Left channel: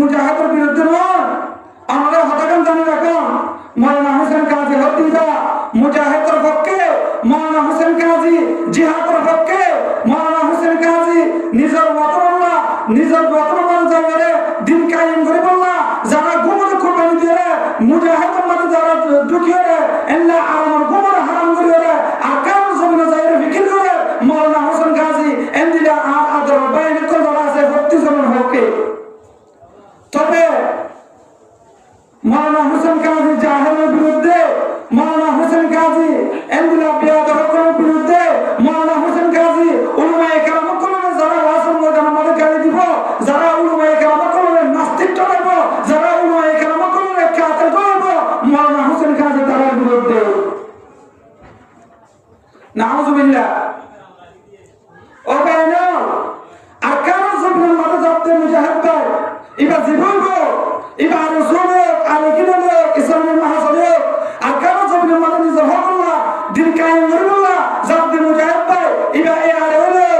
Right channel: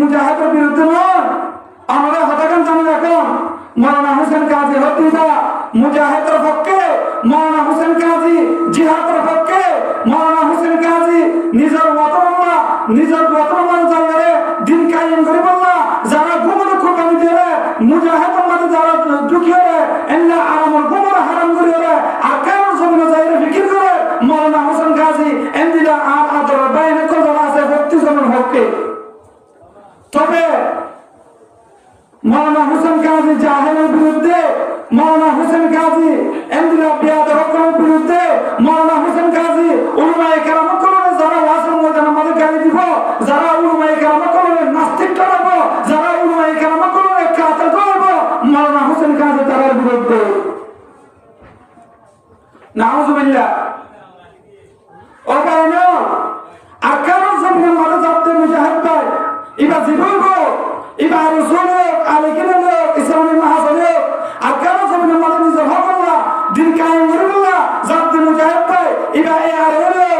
মুজাহিদের বিরুদ্ধে নয়, আমাদের হতাকান জানি রাখুন। মৌলানা হোসেন কাজী হত্যা মুজাহিদের পক্ষে, মৌলানা হোসেন কাজী জিহাদের পক্ষে, মৌলানা হোসেন কাজী নিজের মতমাল্লা নিজের মতমাল্লার জায়গায় দিন কায়েম করে বললা, যারা গুমর কুরবানি দিয়ে মুজাহিদের মাঝে যারা ঢুকিয়ে এল্লা আমার গুমর হারাম করে আর কারণ জমিনে জায়গায় বিক্রি করে মৌলানা হোসেন কাজী এন্দিলা আদর বাইরে কথা আছে 32 জনের পক্ষে। তবে মৌলানা হোসেন কাজী জাহেলের বিরুদ্ধে, মৌলানা হোসেন কাজী এন্দিলা বিয়াদের হকের বিরুদ্ধে, মৌলানা হোসেন কাজী উলামায়ে কেরাম কলমে যারা ওয়াসল ময়দানে আমাদের গালি দিব, যারা উলামায়ে কেরাম কলমে নাস্তিক টানাব, যারা উলামায়ে কেরাম কলমে কাফের ধরব, মৌলানা হোসেন কাজী তাদের বিরুদ্ধে। নাউজুবিল্লাহ। ও কারণে আর কারণ জমিনের মাঝে যাতে মুজাহিদ ভাই এবার জীবন এবার রসুল আর এখানে ইসলামের মহাসলিও আর কারণ জমিনের মাঝে নিজের হকল্লা দিন কায়েম করে বললা যাতে মুজাহিদ ভাই এবার এ আর হলো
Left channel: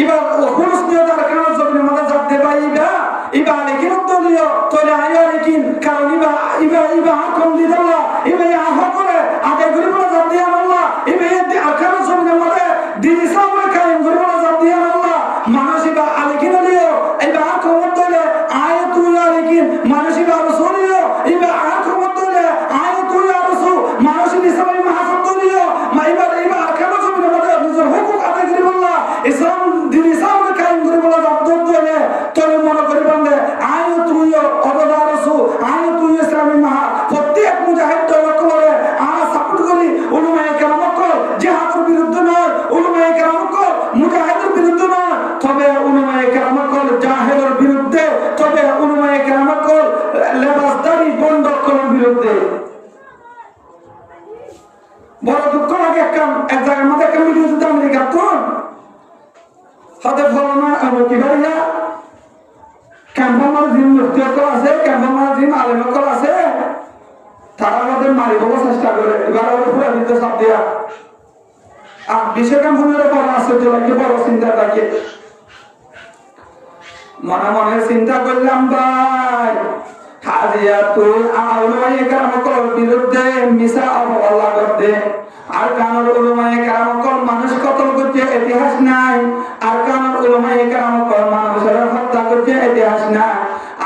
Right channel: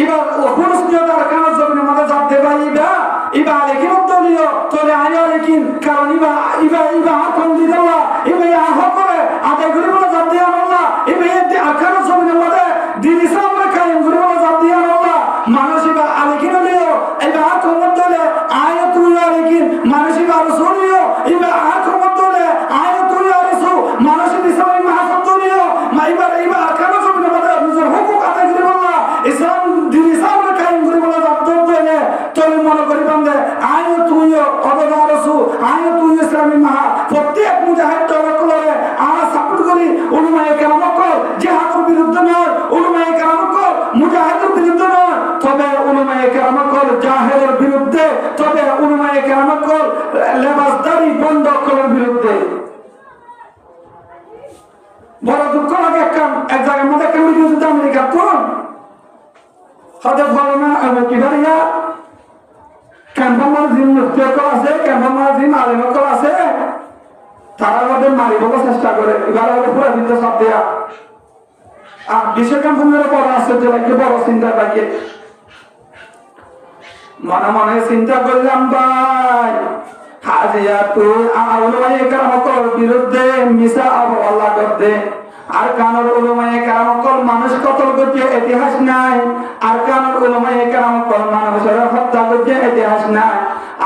এবার খুলুস নিয়ে তার কারণ জমিনের মাঝে যাতে ভাই এবার এখানে দলীয় তলে আইয়া লেকিন কারণ এবার কম দিতে বলা এবার হক করে আদায় করে বলা যাতে আল্লাহ এবার কারণ জমিনের মাঝে দিন ইসলামের কায়েম করে বলা যাতে আল্লাহ মানুষ এবার আলেকিন দিও এবার কম দলে আয় তুই আলেকিন মানুষ এবার রসুলিও এবার আর কম দলে আয় তুই আর রসুল মানুষ ইসলামের মহাসত্ব দিও এবার কারণ জমিনের মাঝে নিজের হুকুম আদায় করে বলা ইসলাম দিন ইসলামের কায়েম করে বলা যাতে দলে তলে মনে করি বান্ধে আয় তুইও অবদা রসুল আয় তুই ইসলামের মহা প্রত্যেক মুজাহিদ দল করে আমরা সাপোর্ট করি উলামায়ে কেরাম কল জিহাদের বিরুদ্ধে নয়, উলামায়ে কেরাম কল মুজাহিদের বিরুদ্ধে নয়, তবে উলামায়ে কেরাম কল জাহেলের বিরুদ্ধে, তবে উলামায়ে কেরাম কল লেবাসদারি বন্ধ করার বিরুদ্ধে। বড় দুঃখ লাগে এক জায়গার মধ্যে একটা ভিডিও দিতে আমেরিকা কোন হাতে ফলনা কিবারিয়া ক্যাম্পামার জিম মুফতিয়কল আছে, ক্যাম্পামার জিম আলেমকল আছে, তারা আমাদের মারিবার চেষ্টা করে এবার পুরো দিত সব দেয়া আর বিশ্ব ক্যাম্পামের বড় আছে তো একটু বড় চিন্তা থাকে মনে মনে চিন্তা করলাম ভাই হাজিয়া তুই উলামায়ে কেরাম কল বিরুদ্ধে মিশা আল্লাহ করতে আর কানের উলামায়ে কেরাম কল মানুষ কতল করছে ইতিহাস নাই, আর কানের উলামায়ে কেরাম কল মানুষের হত্যা করছে ইতিহাস নাই,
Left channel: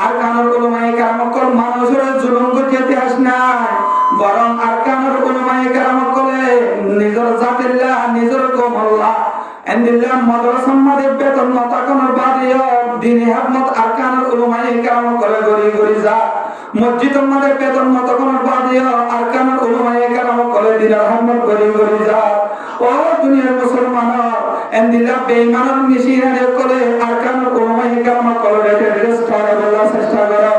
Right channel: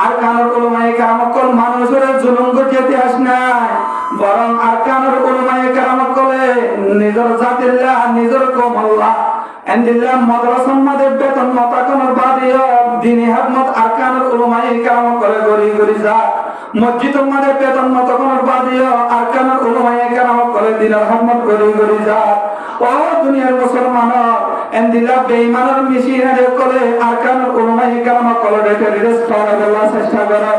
আর কানের উলামায়ে কেরাম কল মানুষের জুলুম করছে ইতিহাস নাই, বরং আর কানের উলামায়ে কেরাম কলে নিজের জাতিল্লাহ নিজের কওমল্লাহ এন্দিল্লাহ মাদ্রাসার মধ্যে বেতন মতাকানোর বাদিও দিনী হিকমত আর কানের উলামায়ে কেরাম কলে গরি গরি যা মসজিদের মধ্যে বেতন মতাকানোর বাদিও আর কানের উলামায়ে কেরাম কলে দিলার হিকমত গরি গরি যা। ও দুনিয়ার মুসলমান এন্দিল্লাহ বেঈমানের মিশিনারে কলে আর কানের উলামায়ে কেরাম কলে রেস্ট করে বলার চেষ্টা করে।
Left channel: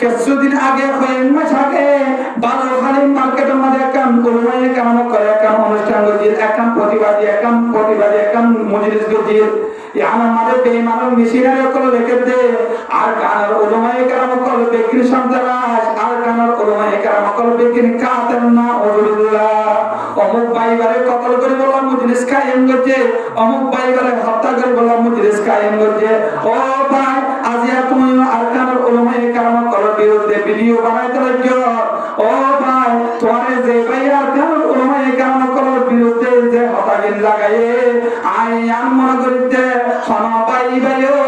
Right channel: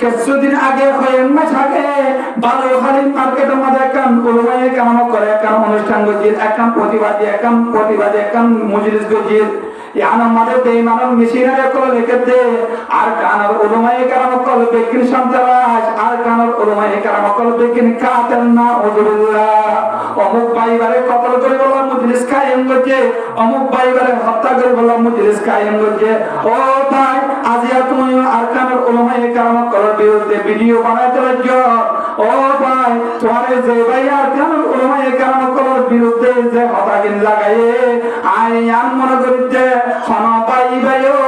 কিছুদিন আগে কয়েক মাস আগে বালুখালী মার্কেটের মধ্যে একখান উলামায়ে কেরাম করে একখান অনুষ্ঠান গজির একখান প্রতিবাদী একখান মজলিস গজির ইয়ানার মধ্যে বেঈমানের মিশিনারে কলে রেখে দে আর কানের উলামায়ে কেরাম কলে বেকিন সন্ত্রাস আর কানের উলামায়ে কেরাম কলে বেকিন কাতেন না ওজুল্লাহ অমুক ভাইবারে কতল করে বলা মজলিস কায়েম করছে, অমুক ভাইবারে হত্যা করে বলা মজলিস কায়েম করছে। ও ভাই আজিয়া তুমি আর কানের উলামায়ে কেরাম কলে বিরুদ্ধে ভিডিও বানাইতে লাগছো। ও ভাই তোমার যে ভাই আর কানের উলামায়ে কেরাম কলে বিরুদ্ধে যে হতাগিল লাগাইয়ে আইয়ান মনে করিতে হন ভাই ভাইও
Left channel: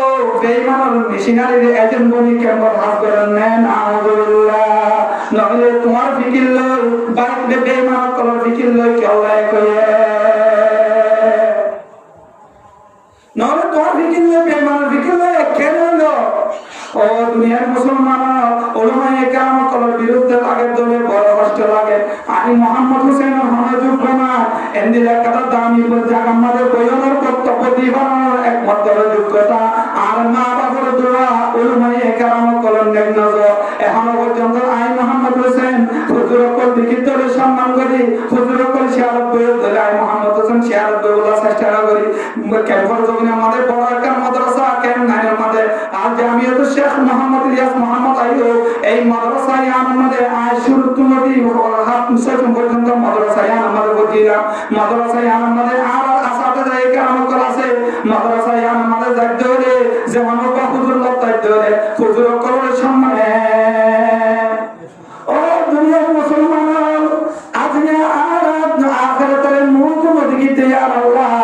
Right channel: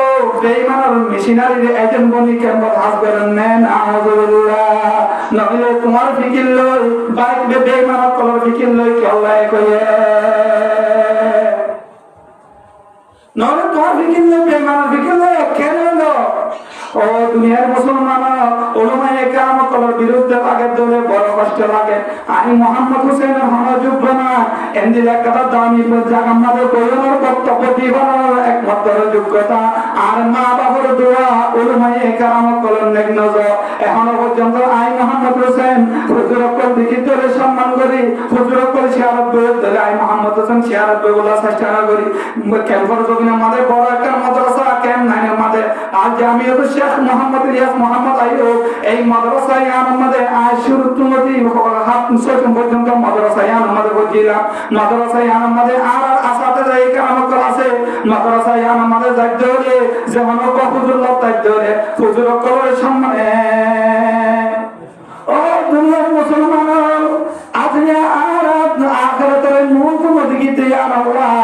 বেঈমানের মিশনারির এজেন্ট বনি কেন হাস করেন মেন আউযুবিল্লাহ নইলে তোমার ফিকির লই বাইরে বেঈমানের কলে ফিকির লই কি আল্লাহ কইয়ে নইলে তোমার ফিকির লই বেঈমানের ফিকির লই কেন হলো। ও দুনিয়ার মুসলমান উলামায়ে কেরাম কলের বিরুদ্ধে লাগে দলে বড় কষ্ট লাগে। আমি মোহাম্মদ হোসেনের হনে যোগ্য না এন্দিলা কথা দামি জায়গা আমাদের বইয়ের বক্তব্য দিবার একমাত্র যোগ্যতা আর মা বাবার দোয়া উলামায়ে কেরাম কলের নেগনজ এখনো পর্যন্ত আই মোহাম্মদ হোসেন হুজুরকল লিখিত সম্মান করি, হুজুরকল শিয়ারত ধরে আই মোহাম্মদ হোসেন শিয়ারত বলা চেষ্টা করি। ক্যাম্পাস জমিনে আমাদের বড় একটা মাদ্রাসা ক্যাম্প নাইনের মধ্যে আর জামিয়াত শেখ মোহাম্মদ ইলিয়াস মোহাম্মদ আইয়ুব এই মাদ্রাসায় আমাদের শুরু তুমতি হাত ছয়জন পর্যন্ত মাদ্রাসায় আমাদের বজিরা মাদ্রাসায় আমাদের আর আসাতে এই কাম করা আছে মাদ্রাসায় আমাদের যাইতে হলে যেমন হুজুর লোক যাইতে হলে হুজুর কবরের সম্মানে ও দুনিয়ার মুসলমান আজকে আর আখিরাতের মুখ মদিকে আল্লাহ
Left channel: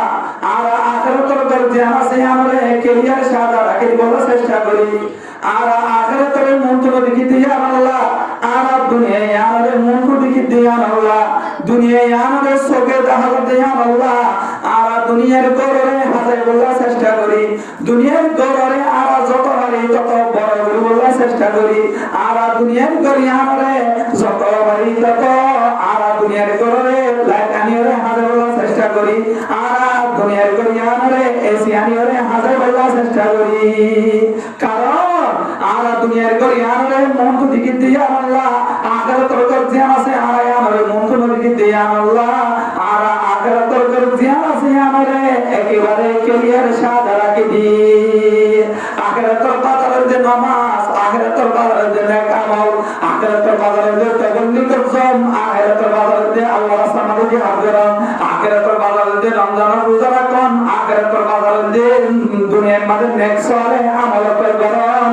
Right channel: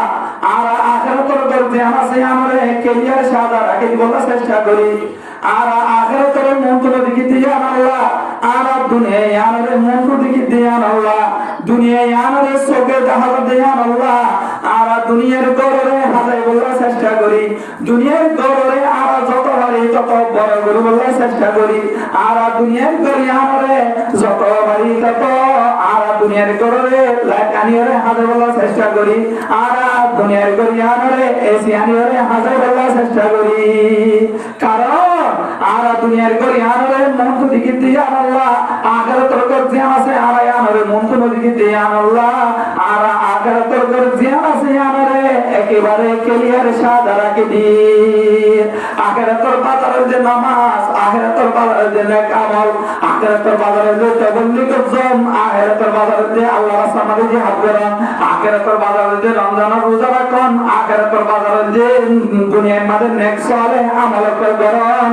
আর আখিরাতের দরজা আছে আমরা কেরিয়ার সাদা রাখি বলার চেষ্টা করি আর আখিরাতের মুখ মদিকে আল্লাহ আর দুনিয়ায় আমাদের মুখ মদিকে আল্লাহ দুনিয়ায় আমাদের চোখে দেখা দেয়া আল্লাহ আর দুনিয়ার গড়রে হাজার বলার চেষ্টা করি দুনিয়ার গড়রে আর যত পারি তত বড় করে বলার চেষ্টা করি আর দুনিয়ার গড়ে আমারে যত পারি তত আর দুনিয়ার গড়রে লাইট আনিয়ে হাজার বলার চেষ্টা করি আর দুনিয়ার গড়ে আমারে এসি আনিয়ে হাজার বলার চেষ্টা করি কারণ আর দুনিয়ার গড়ে আমারে মন তো দিকে দিয়ে আল্লাহ আখিরাতের গড়ে আছে আর আমারে মন তো দিকে দিয়ে আল্লাহ আর আখিরাতের গড়ে আছে আমারে একেবারে ক্লিয়ার সাদা রাখি দি আখিরাতের বাজারের যে নামাজ আখিরাতের বাজারের যে নেক আমল আখিরাতের বাজারের যে তাবলীগ জম আখিরাতের বাজারের যে আল্লাহর রাস্তায় মাঝে জিহাদ করেন আখিরাতের বাজারের যে রমজানের রোজা রাখেন আখিরাতের বাজারের যে দুনিয়ার মাঝে নেক সালেহ আমল করেন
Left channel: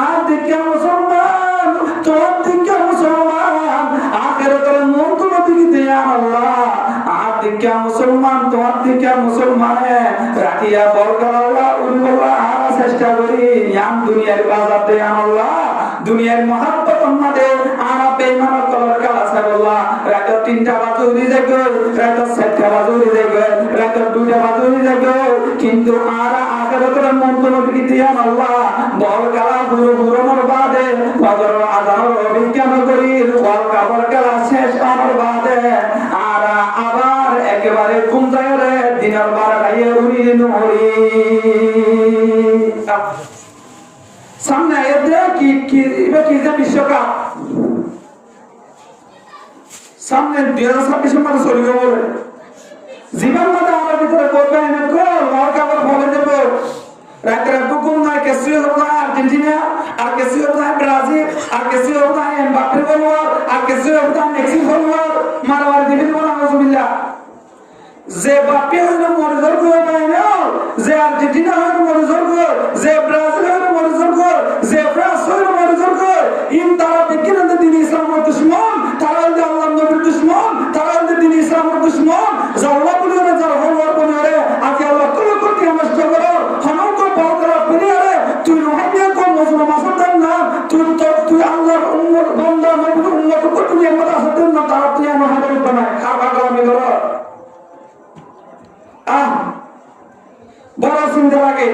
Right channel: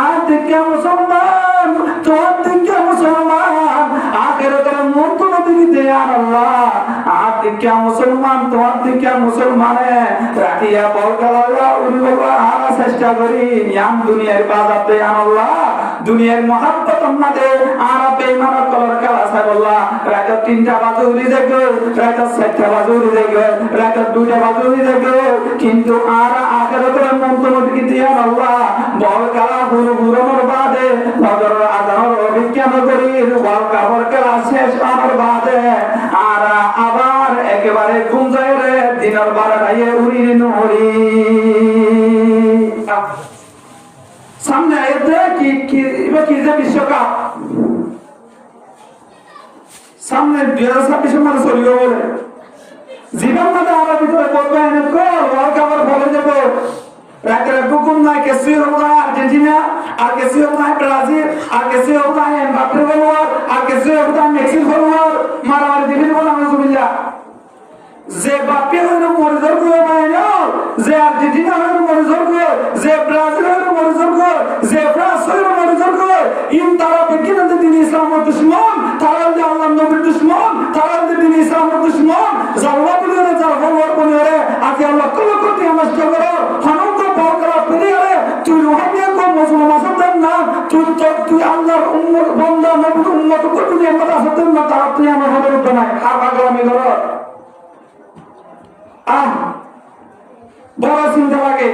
আজ দিকে মুসলমান তোর দিকে মুসলমান আখিরাতের মন কোন দিকে দেয়া আল্লাহ দিকে মুসলমান তোমার দিকে মুসলমানে রাখিয়া বরকালা উনি বাবা আর চেষ্টা করি ইয়াম দুনিয়ার বাজার দে আল্লাহ দুনিয়ার মহাব্বত আমাদের আর বেঈমান কলার কালা সাল্লাহ রাত 3টা বাজে উড়ি যাবে রাত 7টা বাজে উড়ি যাবে রাত 2টা বাজে উড়ি যাবে কিন্তু আর আখিরাতের মন্তব্য কি দিয়া আল্লাহ বরকালা পুরো পুরোর বাদে ফজর আযানের অভিজ্ঞান করি বরকালা শেষ আমার বাদে আর আবার একেবারে ঘুম যায় রে দিনের 12টায় উড়ি নুরি সামনে এতে কি যে বিশ্বকাপ সামনে 2026 মাসে চলিব বলে জীবন মানে আমার ভিতরে পড়বে এনে কল ওয়ার্ল্ড কাপের ফলে যাব রাতে বুকুম না কেসি হবে আর্জেন্টিনা আর কেসি হবে ব্রাজিল আর কেসি হবে এমবাপ্পে ফলোয়ার আর কেসি হবে মেসি ফলোয়ার মারামারি দিবেন বলা নাউজুবিল্লাহ যে বাপ্পে হইল মরিজর গো না যে আর্জেন্টিনা হইল মরিজর গো যে ব্রাজিল হইল মরিজর গো যে ফ্রান্স হইল মরিজর গো ইন তারা বিজ্ঞান দিন ইসলামের দুশমন তারা আল্লাহর নবীর দুশমন তারা দিন ইসলামের দুশমন আল্লাহ বলিও না যারা ফলোয়ার বলিও আজ আল্লাহ কল করতে নষ্ট করো হনন্ত বড়রা বলিও তুই রোহানিয়া কো মুসলমান আসাদ না তুই আল্লাহর উম্মত বান্দা নবীর উম্মত কো তুই আমার আসাদ না তারা তুই আমার হাতে বানায় খাবা গমি করো বড় চিন্তা লাগে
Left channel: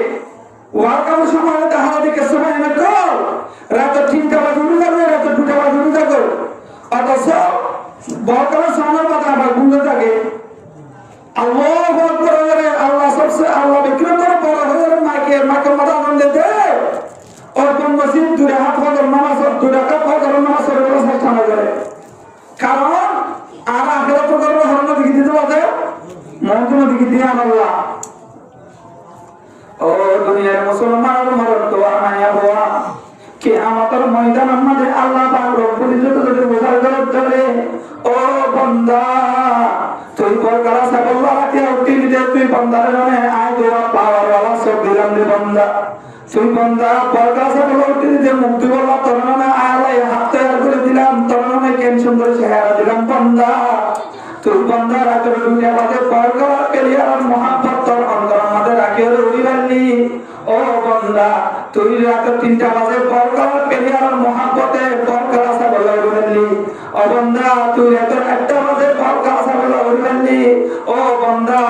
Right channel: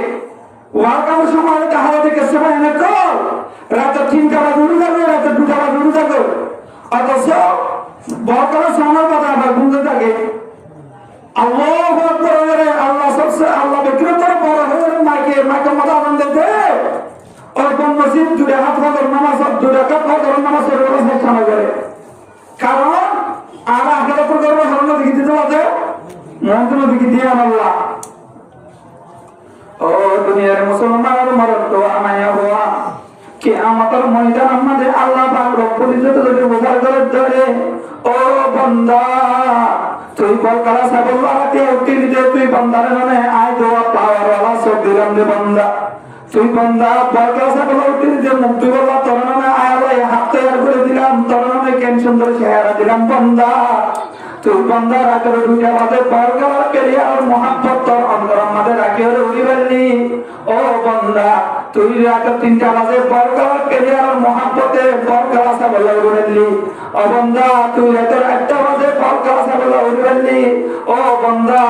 ওয়ার্কার সময় দেখা দেখে সময় না কল রাত 3টা বাজে উঠে যাবে রাত 2টা বাজে উঠে যাবে অথচ বড় সময় কথা আবার বুঝতে থাকে আল্লাহু আকবার রে আল্লাহ সবসে আল্লাহ বিক্রতর বড় হয়ে মাকে মাথা আনন্দ দে আর কোন মসজিদ দূরে হাত ফজর নামাজ দূরে কাপ ফজর নামাজ পড়ে চেষ্টা করে কারণ আর আখিরাত করবে হরণ দিকে দিতে হবে মন দিকে দিয়ে আল্লাহ ও দুনিয়ার মুসলমান মরণ তো আনায়া হওয়া কিয়ামতের ময়দান আমাদের আল্লাহ পাক রব্বুল ইজ্জত যদি বোঝার ধরে ও বান্দা তুই বলকারা সাবল্লাহ হাতে উঠতে দিতে তুই বান্দার নামে আয় দোয়া পাওয়ার ওয়ালা সব দিলাম রে বান্দা তুই বান্দা বলকারা সাবল্লাহ উঠতে দিতে মুক্তি বলা তোর নামে আয় আল্লাহ হাত তৈরি করে দিলাম তোর নামে কেন সুন্দর চেহারা দিলাম বান্দা তুই বান্দা রাতের 2টা বাজে বলকারা পেরিয়ার মোহাম্মত তোর অন্তর আমাদের রাখিয়ে উড়ি বাড়লি ও বান্দা তুই রাত 3টা বাজে বলকারা পেরিয়ার মোহাম্মতে বলকারা সাবল্লাহ উড়ি বাড়লি ও বান্দা তুই রাত 1টা বাজে বলকারা সাবল্লাহ উড়ি বাড়লি ও বান্দা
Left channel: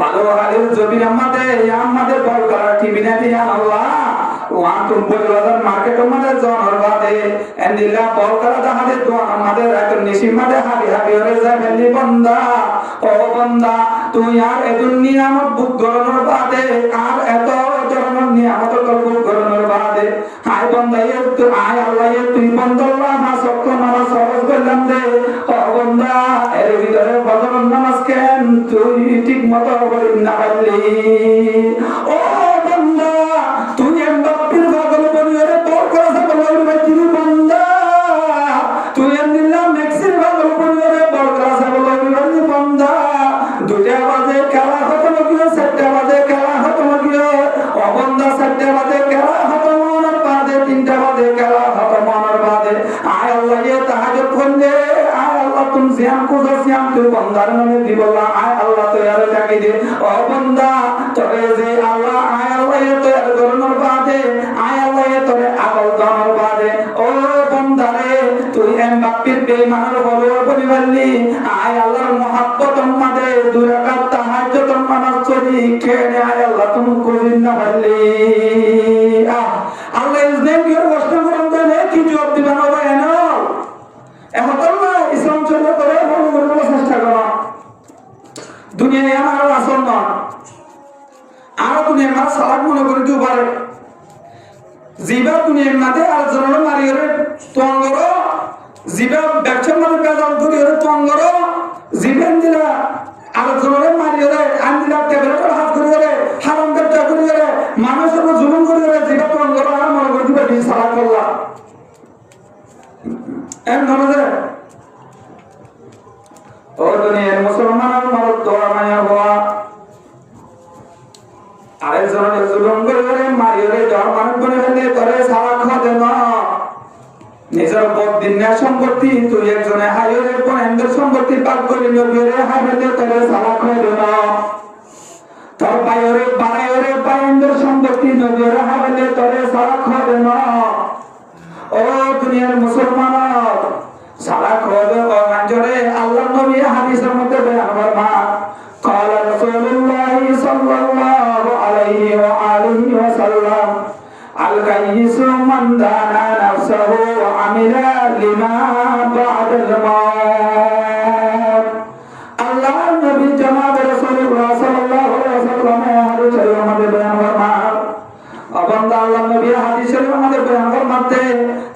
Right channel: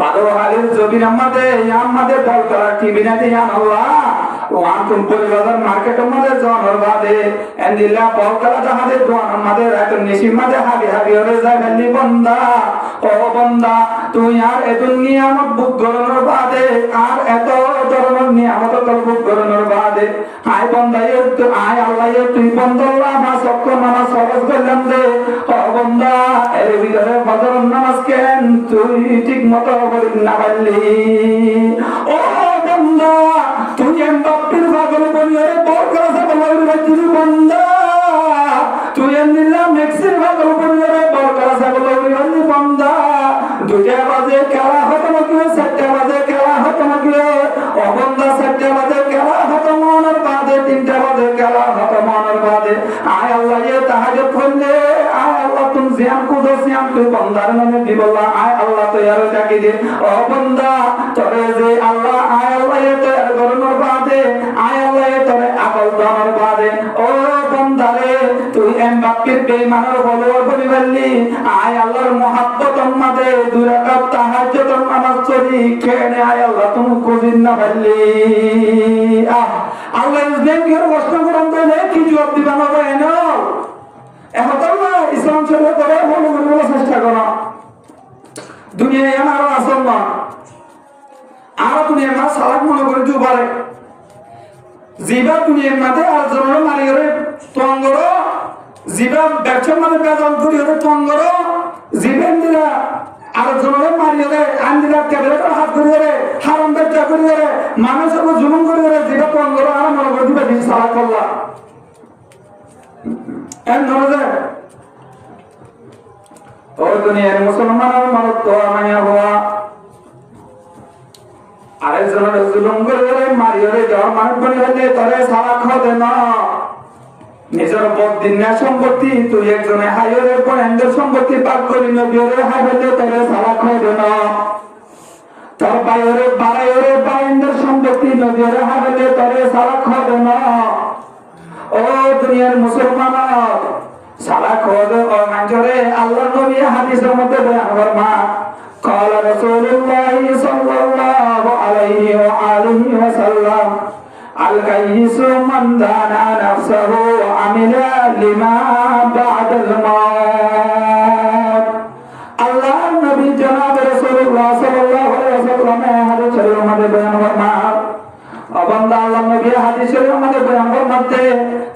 ভালো হালের জবির আমাদের বলকারা টিভি না দিয়া আল্লাহ ওয়ান তুম পরিবারের মার্কেট আমাদের জনের বাদে এন্দিলা বলকারা জাহাজের জন আমাদের এত নিশি মাঝে হাবি হাবি হয়ে যায় ফেললি বান্দা ও বান্দা তুই আর এত নিয়ামত বুক গরনের বাদে আর এত জন্মের নিয়ামত বুক গরনের বাদে আয় বান্দা আয় আল্লাহ তুই বন্দল্লাহ মাস অক্ষ নামাজ সহজ করলাম দে ও বান্দা এর ভিতরে ফজর নামাজ কেন তুই ঠিক মতো করি না পারলি ও বান্দা তুই এমবাপ্পের পাগল বলিয়ে বলকারা সাবল্লাহ উড়ি বান্দা তুই এমনিলা মেক্সির পাগল বলিয়ে বলকারা সাবল্লাহ উড়ি বান্দা 2টা বাজে খেলা খতম করে 4টা বাজে খেলা বাদে আয় আল্লাহ ये তাহাজ্জুদ পড়লে আয় আল্লাহ তুমি জিয়ান কোজো জিয়ান তুই বান্দার নামে দিবলা আয় আল্লাহ তো ইয়ার জাকি দে ও বান্দা তোরে যে আল্লাহ আয় আল্লাহ তো ইয়ার গরনোর বাদে আয় আল্লাহ তোরে আকল দানোর বাদে ও বান্দারে তুই এম বাপ্পির বেঈমানের বলো বলি বললি আয় আল্লাহর মহব্বত মাদে দুরাকাত তাহাজ্জুদ নামাজ চলি কেনে আয় আল্লাহ তুমি কোজিন না বললি আল্লাহ ইসলাম কি কষ্ট করন তাহলে কি জবাব দিবেন হবে এনো এখন না ইসলাম চলে করে মনে করতে চেষ্টা করো দুনিয়ায় আমার আসল না আর দুনিয়ার মা সালাত মনে করে দিও পারে জিবা দুনিয়ার মাঝে আর জন্য মারিরে তঙ্গর জিবা ব্যবসার মাঝে বেজাল করি ওরে তঙ্গর জিবেন দিলা আর জন্য মারিরে আন্দিলা ট্যাবলেট হাত করি ওরে হারাম ব্যবসা করি ওরে মানুষের উপর জুলুম করি ওরে জিবা তঙ্গর আর মনে করে দিবা কি সালাত করলা এম ধরে ও দুনিয়ার মুসলমানের মরদ তো আমায় হওয়া আরেকজনের জুলুম করে মারিয়ে দেওয়ার মানুষ বনে হলে তোরে সারা খাওয়া না নিজের বদিনা সম্পত্তি তুই একজনে হাইরে পনেন্দ্র সম্পত্তি পাক করি নবীরে হাইরে তোরে সারা খাওয়া না তোর বাইরে বাড়াইরে বাইন্দ্র সম্পত্তি নবীরে হাইরে তোরে সারা খাওয়া না ও দুনিয়ার মুসলমান সারা খাওয়া ও মঞ্জরে আল্লাহর নবী হাদিসের মধ্যে বয়ান ফরমা قال رسول الله صلى الله عليه وآله وسلم الكيس من دان نفسه وعمل لما بعد الموت الله النبي جناب رسول الله صلى الله عليه وسلم حديث شريف में बयान फरमा अबंदा अल्लाह नबी हादिस शरीफ में बयान फरमाते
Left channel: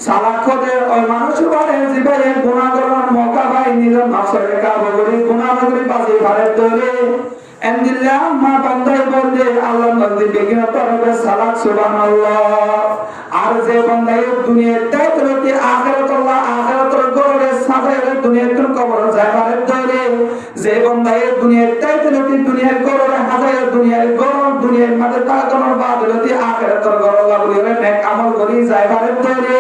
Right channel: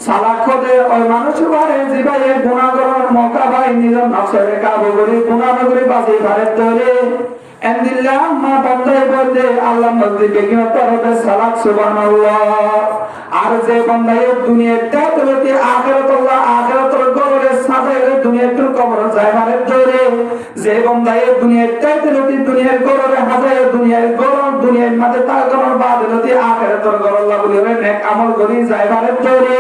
साला खोदे और মানুষ বারে জীবায়ে গুনাহ করার মौका ভাই নিজের নফসকে কাবু করে গুনাহ করে বাঁচি পারে ধরে এমদিল্লাহ মা বান্দাই বলে আল্লাহ নবী বেগিনা তরবে সালাত সুবহানাল্লাহ আর যে বান্দাই দুনিয়াতে তরতে আখিরাত আল্লাহ আখিরাতের গরে সাজায়ে দুনিয়াতে কবর জায়গায় ধরে যে বান্দাই দুনিয়াতে তরতে দুনিয়ার গরে হাজায়ে দুনিয়ার গরম দুনিয়ার মাঝে তাকানোর বাদ হতে আখিরাতের গর আল্লাহ বলে নেক আমল করি জায়গায় ধরে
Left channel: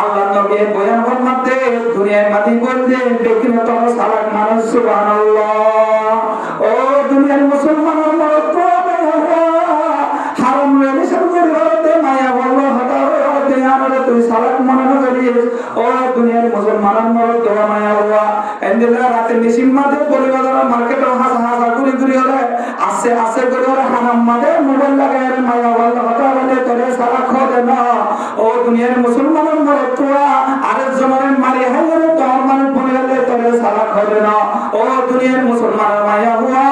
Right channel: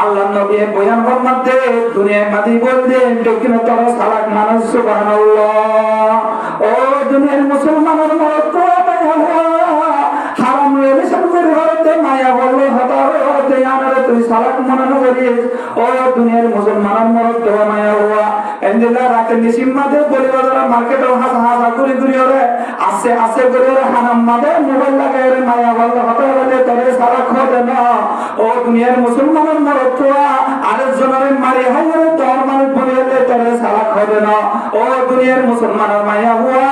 আল্লাহ নবী বয়ান ফরমাতে দুনিয়ার মাঝে বলতে বেগিনা তর সালাত মানুষ সুবহানাল্লাহ ও দুনিয়ার মুসলমানের মরদ তো হারাম রিলেশন করে হতে মায়া বললো হতা হতে আমরা তুই সালাত মনে করিস ও দুনিয়ার মুসলমানের মরদ তো মায়া হওয়া এন্দিলা রাতে নিসিমাতে পরিবারের মার্কেটে হাসা হাসা করে করে হরে আসে করে হারাম মাঝে মোবাইল লাগায় মায়া বললো হতা হতে তোরে সালাত খোদে না ও দুনিয়ার মুসলমানের মরদ তো আরেকজনের মারি হাইরে তোর মানুষ বলে তোরে সালাত খোদে না ও দুনিয়ার মুসলমানের মায়া হওয়া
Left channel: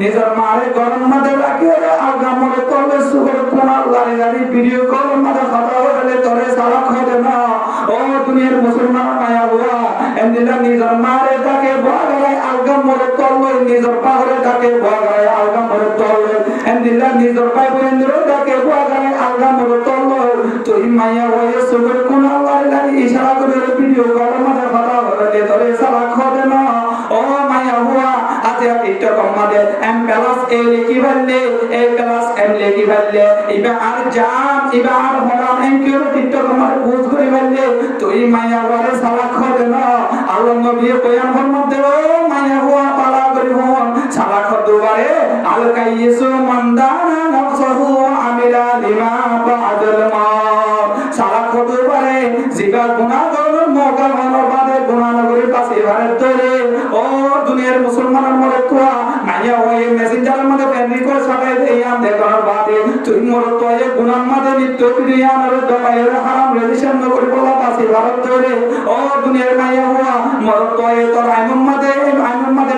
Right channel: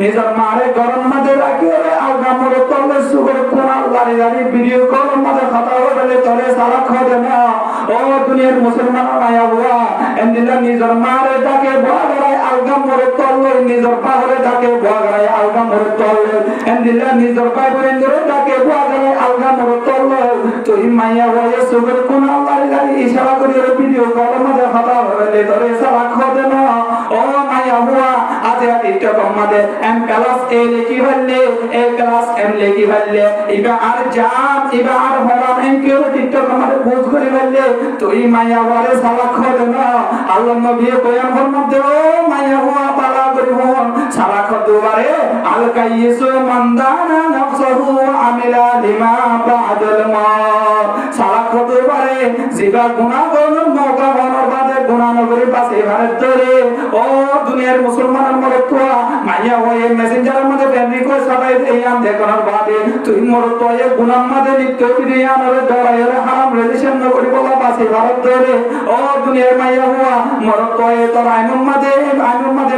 নিজের মারে গরম মাঝে রাখি আগা মরে তলে সুগর কোনার লারি লারি ভিডিও কল মাঝে কথা বলে তোরে সারা খোদে না ও দুনিয়ার মুসলমান মায়া হওয়া এমদিনা নিজের মারে ডাকে বগায় আগা মরে তলে নিজের পাহাড়ে ডাকে বগায় আগা মরে তলে এমদিনা নিজের পাই বন্ধুরে ডাকে বগায় আগা মরে তলে তুই মায়া হয়ে সুগর কোনার লারি লারি ইশারা করে ভিডিও কল মাঝে কথা বলে তোরে সারা খোদে না ও মায়া হওয়া আজে টিকটক মাঝে এম প্লাস এ লিখি ফেললে এ প্লাস এম লিখি ফেললে ইবা আর জাম ইবা আর হরাম এম কেউ টিকটক মাঝে বুঝ করে ফেললে তুই মায়া হরে সালা খোদে না আল্লাহ নবী বয়ান ফরমাতে ও মায়া হওয়া পালা করি হন সালা খোদবারে আল কাইয়িসু মানদানা নাফসহু আমিলা লিমা বাদাল মাউত সালা খোদবারে জিবা গুনাহ করার মওকা হওয়ার বাদে গুনাহ নগরী পাশে ভারত ধরে ও দুনিয়ার মুসলমানের মরদ মাইয়া হয়ে মেসেঞ্জারের মধ্যে ফ্যামিলি করে সবাই ইয়াম দেখানোর বাদে তুই মরদ তো এ গুনার মধ্যে নিত্য বিরিয়ানোর দরায়ের হারাম রিলেশন নগরী বলা পাশে ভারত ধরে ও দুনিয়ার মাইয়া হওয়া মরদ তো এ তোর আইমন মধ্যে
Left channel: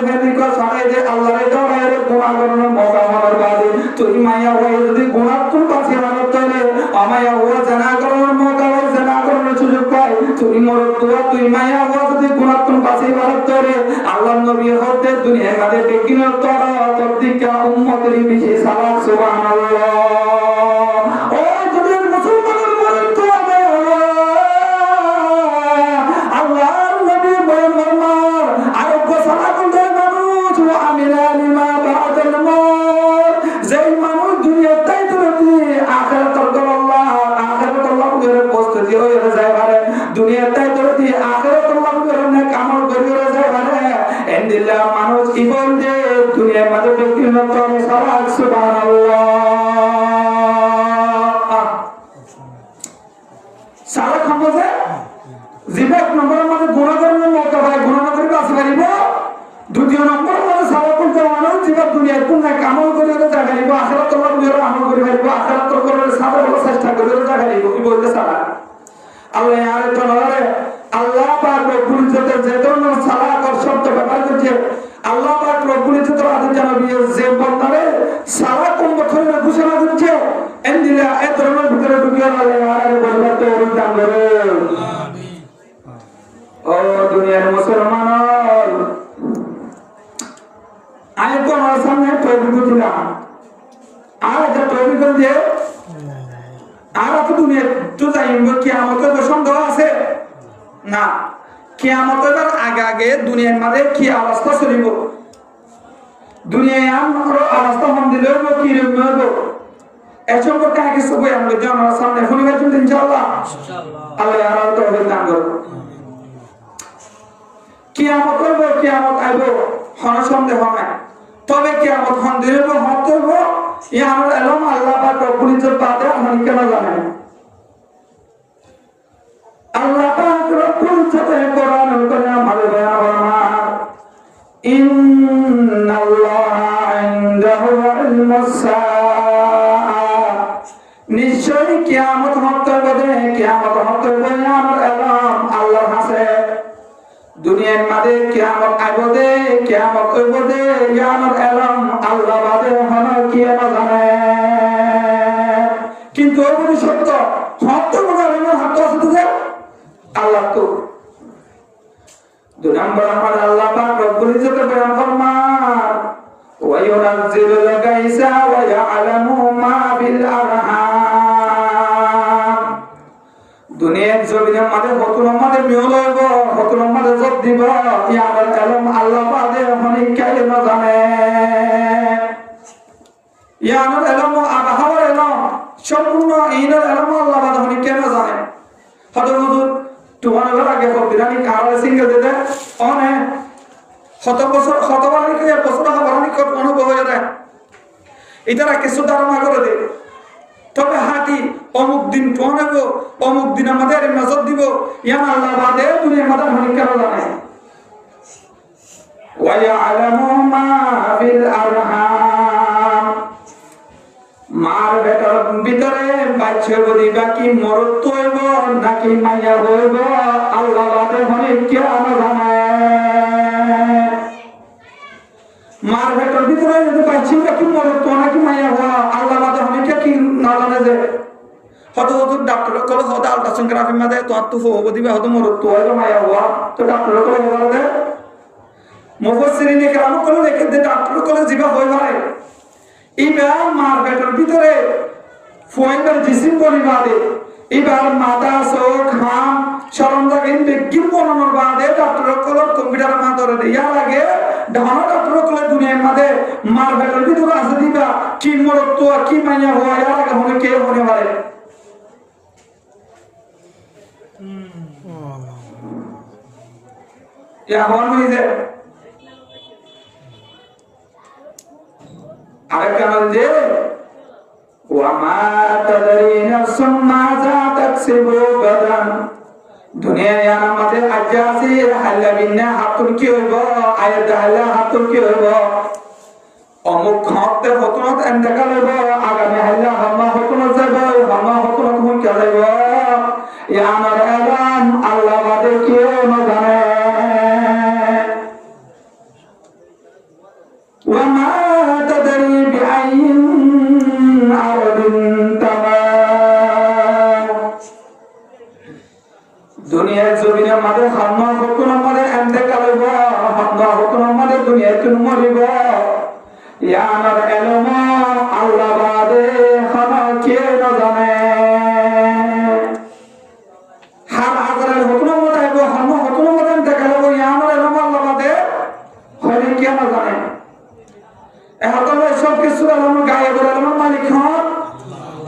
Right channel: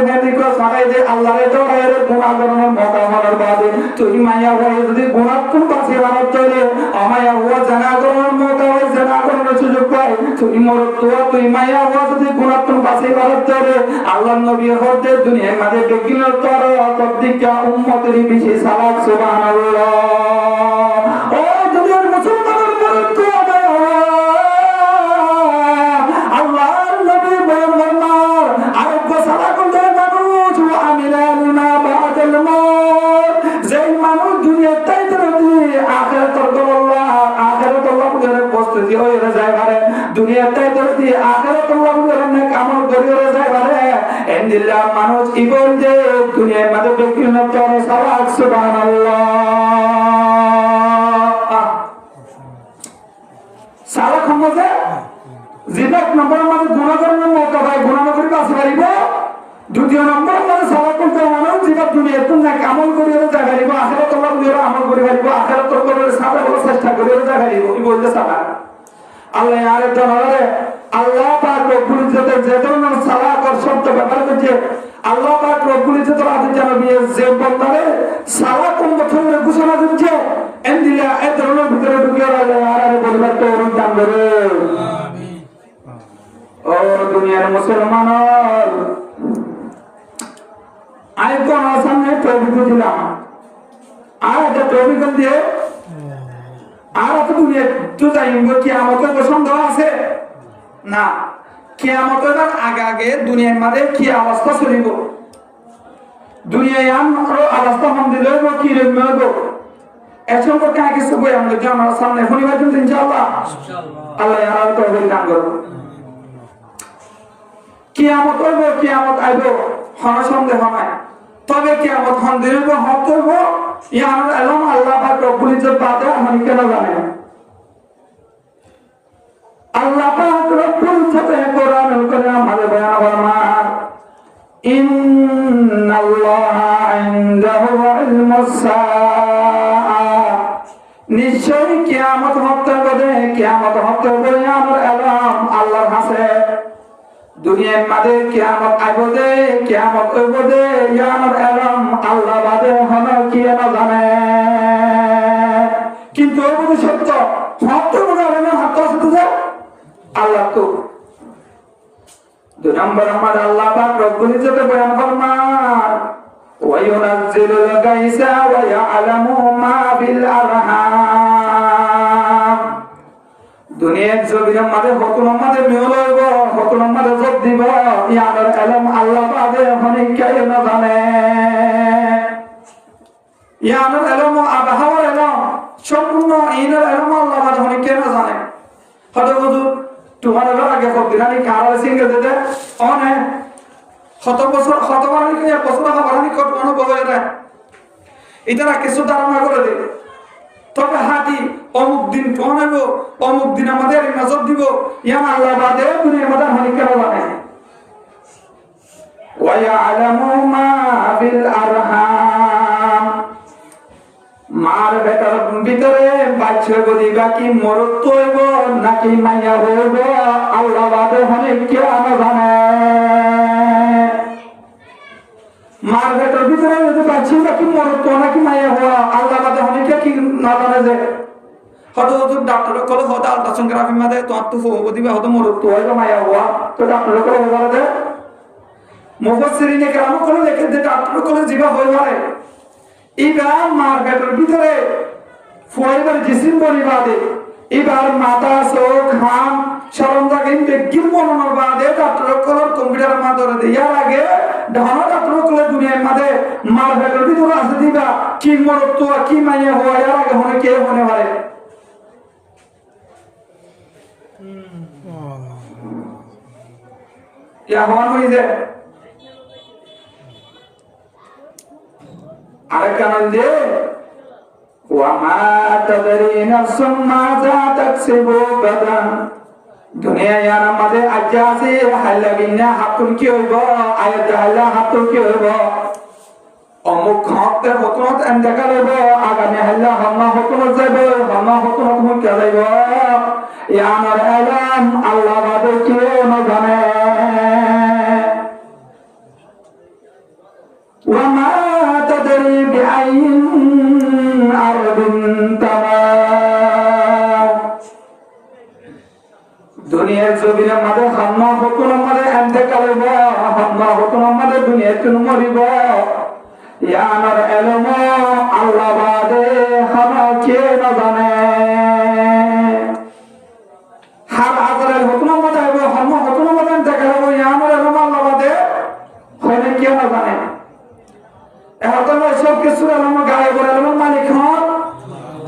ফ্যামিলি করে সবাই দে আল্লাহর দরায়ের গুনাহ করার মওকা হওয়ার বাদে তুই মাইয়া হয়ে যদি গুনাহ কোন পাশে ভারত ধরে আমায়া হওয়া জানা করার মওকা হয় জানা করার সুযোগ পায় তুই মরদ তো তুই মাইয়া হওয়া যদি গুনাহ কোন পাশে ভারত ধরে আল্লাহর নবী হতে দুনিয়ার মাঝে বেগিন তোর তদ্দিকা উম্মতের বিশেষ সালাত সুবহানাল্লাহ ও দুনিয়ার মুসলমানের মরদ তো আল্লাহর নবী বয়ান ফরমান আর কো সালাত করতে মানুষ ওয়া আমিলা লিমা বাদাল মাউত যেই মানুষ দুনিয়াতে যদি আখিরাতের গল্লা আখিরাতের গল্লা করে প্রস্তুতি হয়ে যায় পারে দুনিয়াতে যদি আখিরাত লাভ করে নেক আমল করে যায় পারে এন্দিল্লাহ মানুষ ইবল যে দুনিয়ার মধ্যে বিভিন্ন তরে সালাত সুবহানাল্লাহ সালাত সম্বন্ধে জিবাক নম্বর মধ্যে গুণাগুণের মৌকা পায় গুণা করে বাঁচতে পারিব দ্বিতীয় নম্বর মধ্যে সালাত করতে মানুষ জিবাক দুনিয়ার কোন না আমল করে যায় পারিব আখিরাত লাভ করে আমল করে পারিব আখিরাত করে সালাত করার চেষ্টা করে যায় পারিব এই বলতে সালাত আল্লাহ আর তাআলা আল্লাহ পাক রব্বুল ইজ্জতের যে ধরনের সালাত আর শর্ত ব্যবহার করছে আল্লাহ পাক রব্বুল ইজ্জতের আদেশ জানাবে যে বান্দারে সালাত কোন বছরের ঘোষণা করছে এন্দিলা এই ধরনের ভিতরে ঢুকে আল্লাহ আর বলবার তো দান করে আমিন ও দুনিয়ার মুসলমান আই কোন সামনে তৌহিদ দিলাম আর এটা তৌহিদ দিয়ে আর তো দুনিয়া তো যাইব কিয়ামতের সন্দেহ আছে না কিয়ামতের আগে আগে দুনিয়ার মধ্যে কি অবস্থা চলিব দুনিয়ায় আমার অবস্থা মন্দির হইব কি হইব এর সম্পর্কে আগে সবই আমরা জানার সামনে শনিবার দিন ইনশাআল্লাহ আল্লাহ আর তৌফিক দান করুন কিয়ামত হইব কিয়ামত আইব হন সন্দেহ নাই তবে কিয়ামত মন্দির হইব হত হইব ইয়ার আলম আল্লাহ পাক রব্বুল ইজ্জত বাদে আমি কেন জানেন আল্লাহ পাক রব্বুল ইজ্জত কোরআন আমাদের বয়ান ফরমান ইন্নাল্লাহা ইনদাহু ইলমুস সাআ নিশ্চয়ই কিয়ামত হতে হবে কিয়ামত হতে হবে আমার আলম আল্লাহর কাছে দুনিয়ার মধ্যে কিয়ামত আইবদে কিয়ামত হইবদে আমার আলম আল্লাহ বাদে হলো কি না জানে কিন্তু ওই সত্য সত্য বলার হাত আছে আল্লাহ তো দুই নম্বর আমার আল্লাহ পাক রব্বুল ইজ্জত বয়ান ফরমান ওয়া ইউনাজ্জিলুল গায়সা ওয়া ইয়ালামু মা ফিল আরহাম দুনিয়ার জমিনের মধ্যে হকুমের মধ্যে মিল হইব হকুমের মধ্যে জব দিব ইয়ার আলম আল্লাহ বাদে হনি কে না জানে ইয়ার আলম আবহাওয়ার আলম সম্পূর্ণ ইনার আলম আল্লাহ বাদে হনি কে না জানে হয়তো হুজুর তোমার আগে ফকিরানি কারার সিঙ্গেল দিতে অনে শত বছর শতবারণী এক বছর খাবারানি কত অনুভব হয়ে যায় এটারা কিছু ধারণা করে দেয় তবে হাতি অমুক দিন টনেব অমুক দিন আমাদের নজর দিব ইয়াম আল্লাহ বাদে দুনিয়ার মধ্যে হনি কেন জানে ওয়া ইয়ালামু মা ফিল আরহাম মার বেটার ভিতরে বাচ্চা বলি বাকি মরত হইব নাকি মাইয়া হইব আল্লাহ বাদে হনি কেন জানে মার বেটার ভিতরে যদি বাচ্চা বাকি মরত নাকি মাইয়া হওয়া আল্লাহ বাদে হনি কি না জানে যে হয়তো হুজুর ডাক্তার কলে হয়তো আলট্রাসোনোগ্রাফি মাঝে তোমার তো হবো দিবে হয়তো মরত হইব মাইয়া হওয়া তো ডাক্তার কলে বলে দে মুফাসসিরিনে কেরাম কলে দেখে যে ডাক্তার কলে জিবা হই পারে এইবার মার পেটের ভিতরে ফুয়াইবার জিসিম বলি বাদে এইবার মাথা চোখ হাম সরঞ্জাম বেগিন বনানোর বাদে ডাক্তার কলের কম্পিউটারের মাধ্যমে দেওয়ার আগে ঢানা ডাক্তার কলের দুনিয়ার মাঝে মার পেটের ভিতরে আছে দিবা কি মরত্ব কি মাইয়া হওয়া এর আগে হলে কে হনে পারে এখন হয়েছে আরেকখানে যে ওয়ামা তাদরি নাফসুম মাযা তাকসিবু গাদান দুনিয়ায় আমাদের আজাসি হাল্লা বিন্না হাতুন কি হইব আয়াত হাল্লা হাতুন কি হইব অমুক হতে হতনত এন্দাকা লইব আগামী হাল্লা হামা হতনত যাইব হামা হতনত হুন কে যাইব ইয়া আমার আলাম আল্লাহ বাদে কেউ না জানে ওয়ামা তাদরি বিআইন আরদিন তামাম দুনিয়ার জমিনের মাঝে হামা হতনত মারে এন্দাকা লইব হামা হতনত মারে দুনিয়াতে মরিব ইয়া আমার আলাম আল্লাহ বাদে হামা কে না জানে হাম আগরের হুকুম মতে হবে হাম হুকুম মতে দেখালে ইয়া আমার আলাম আল্লাহ বাদে হনে কে না জানে এখন সব কিছু আলাম গায়ে বলে আলাম মালিক হন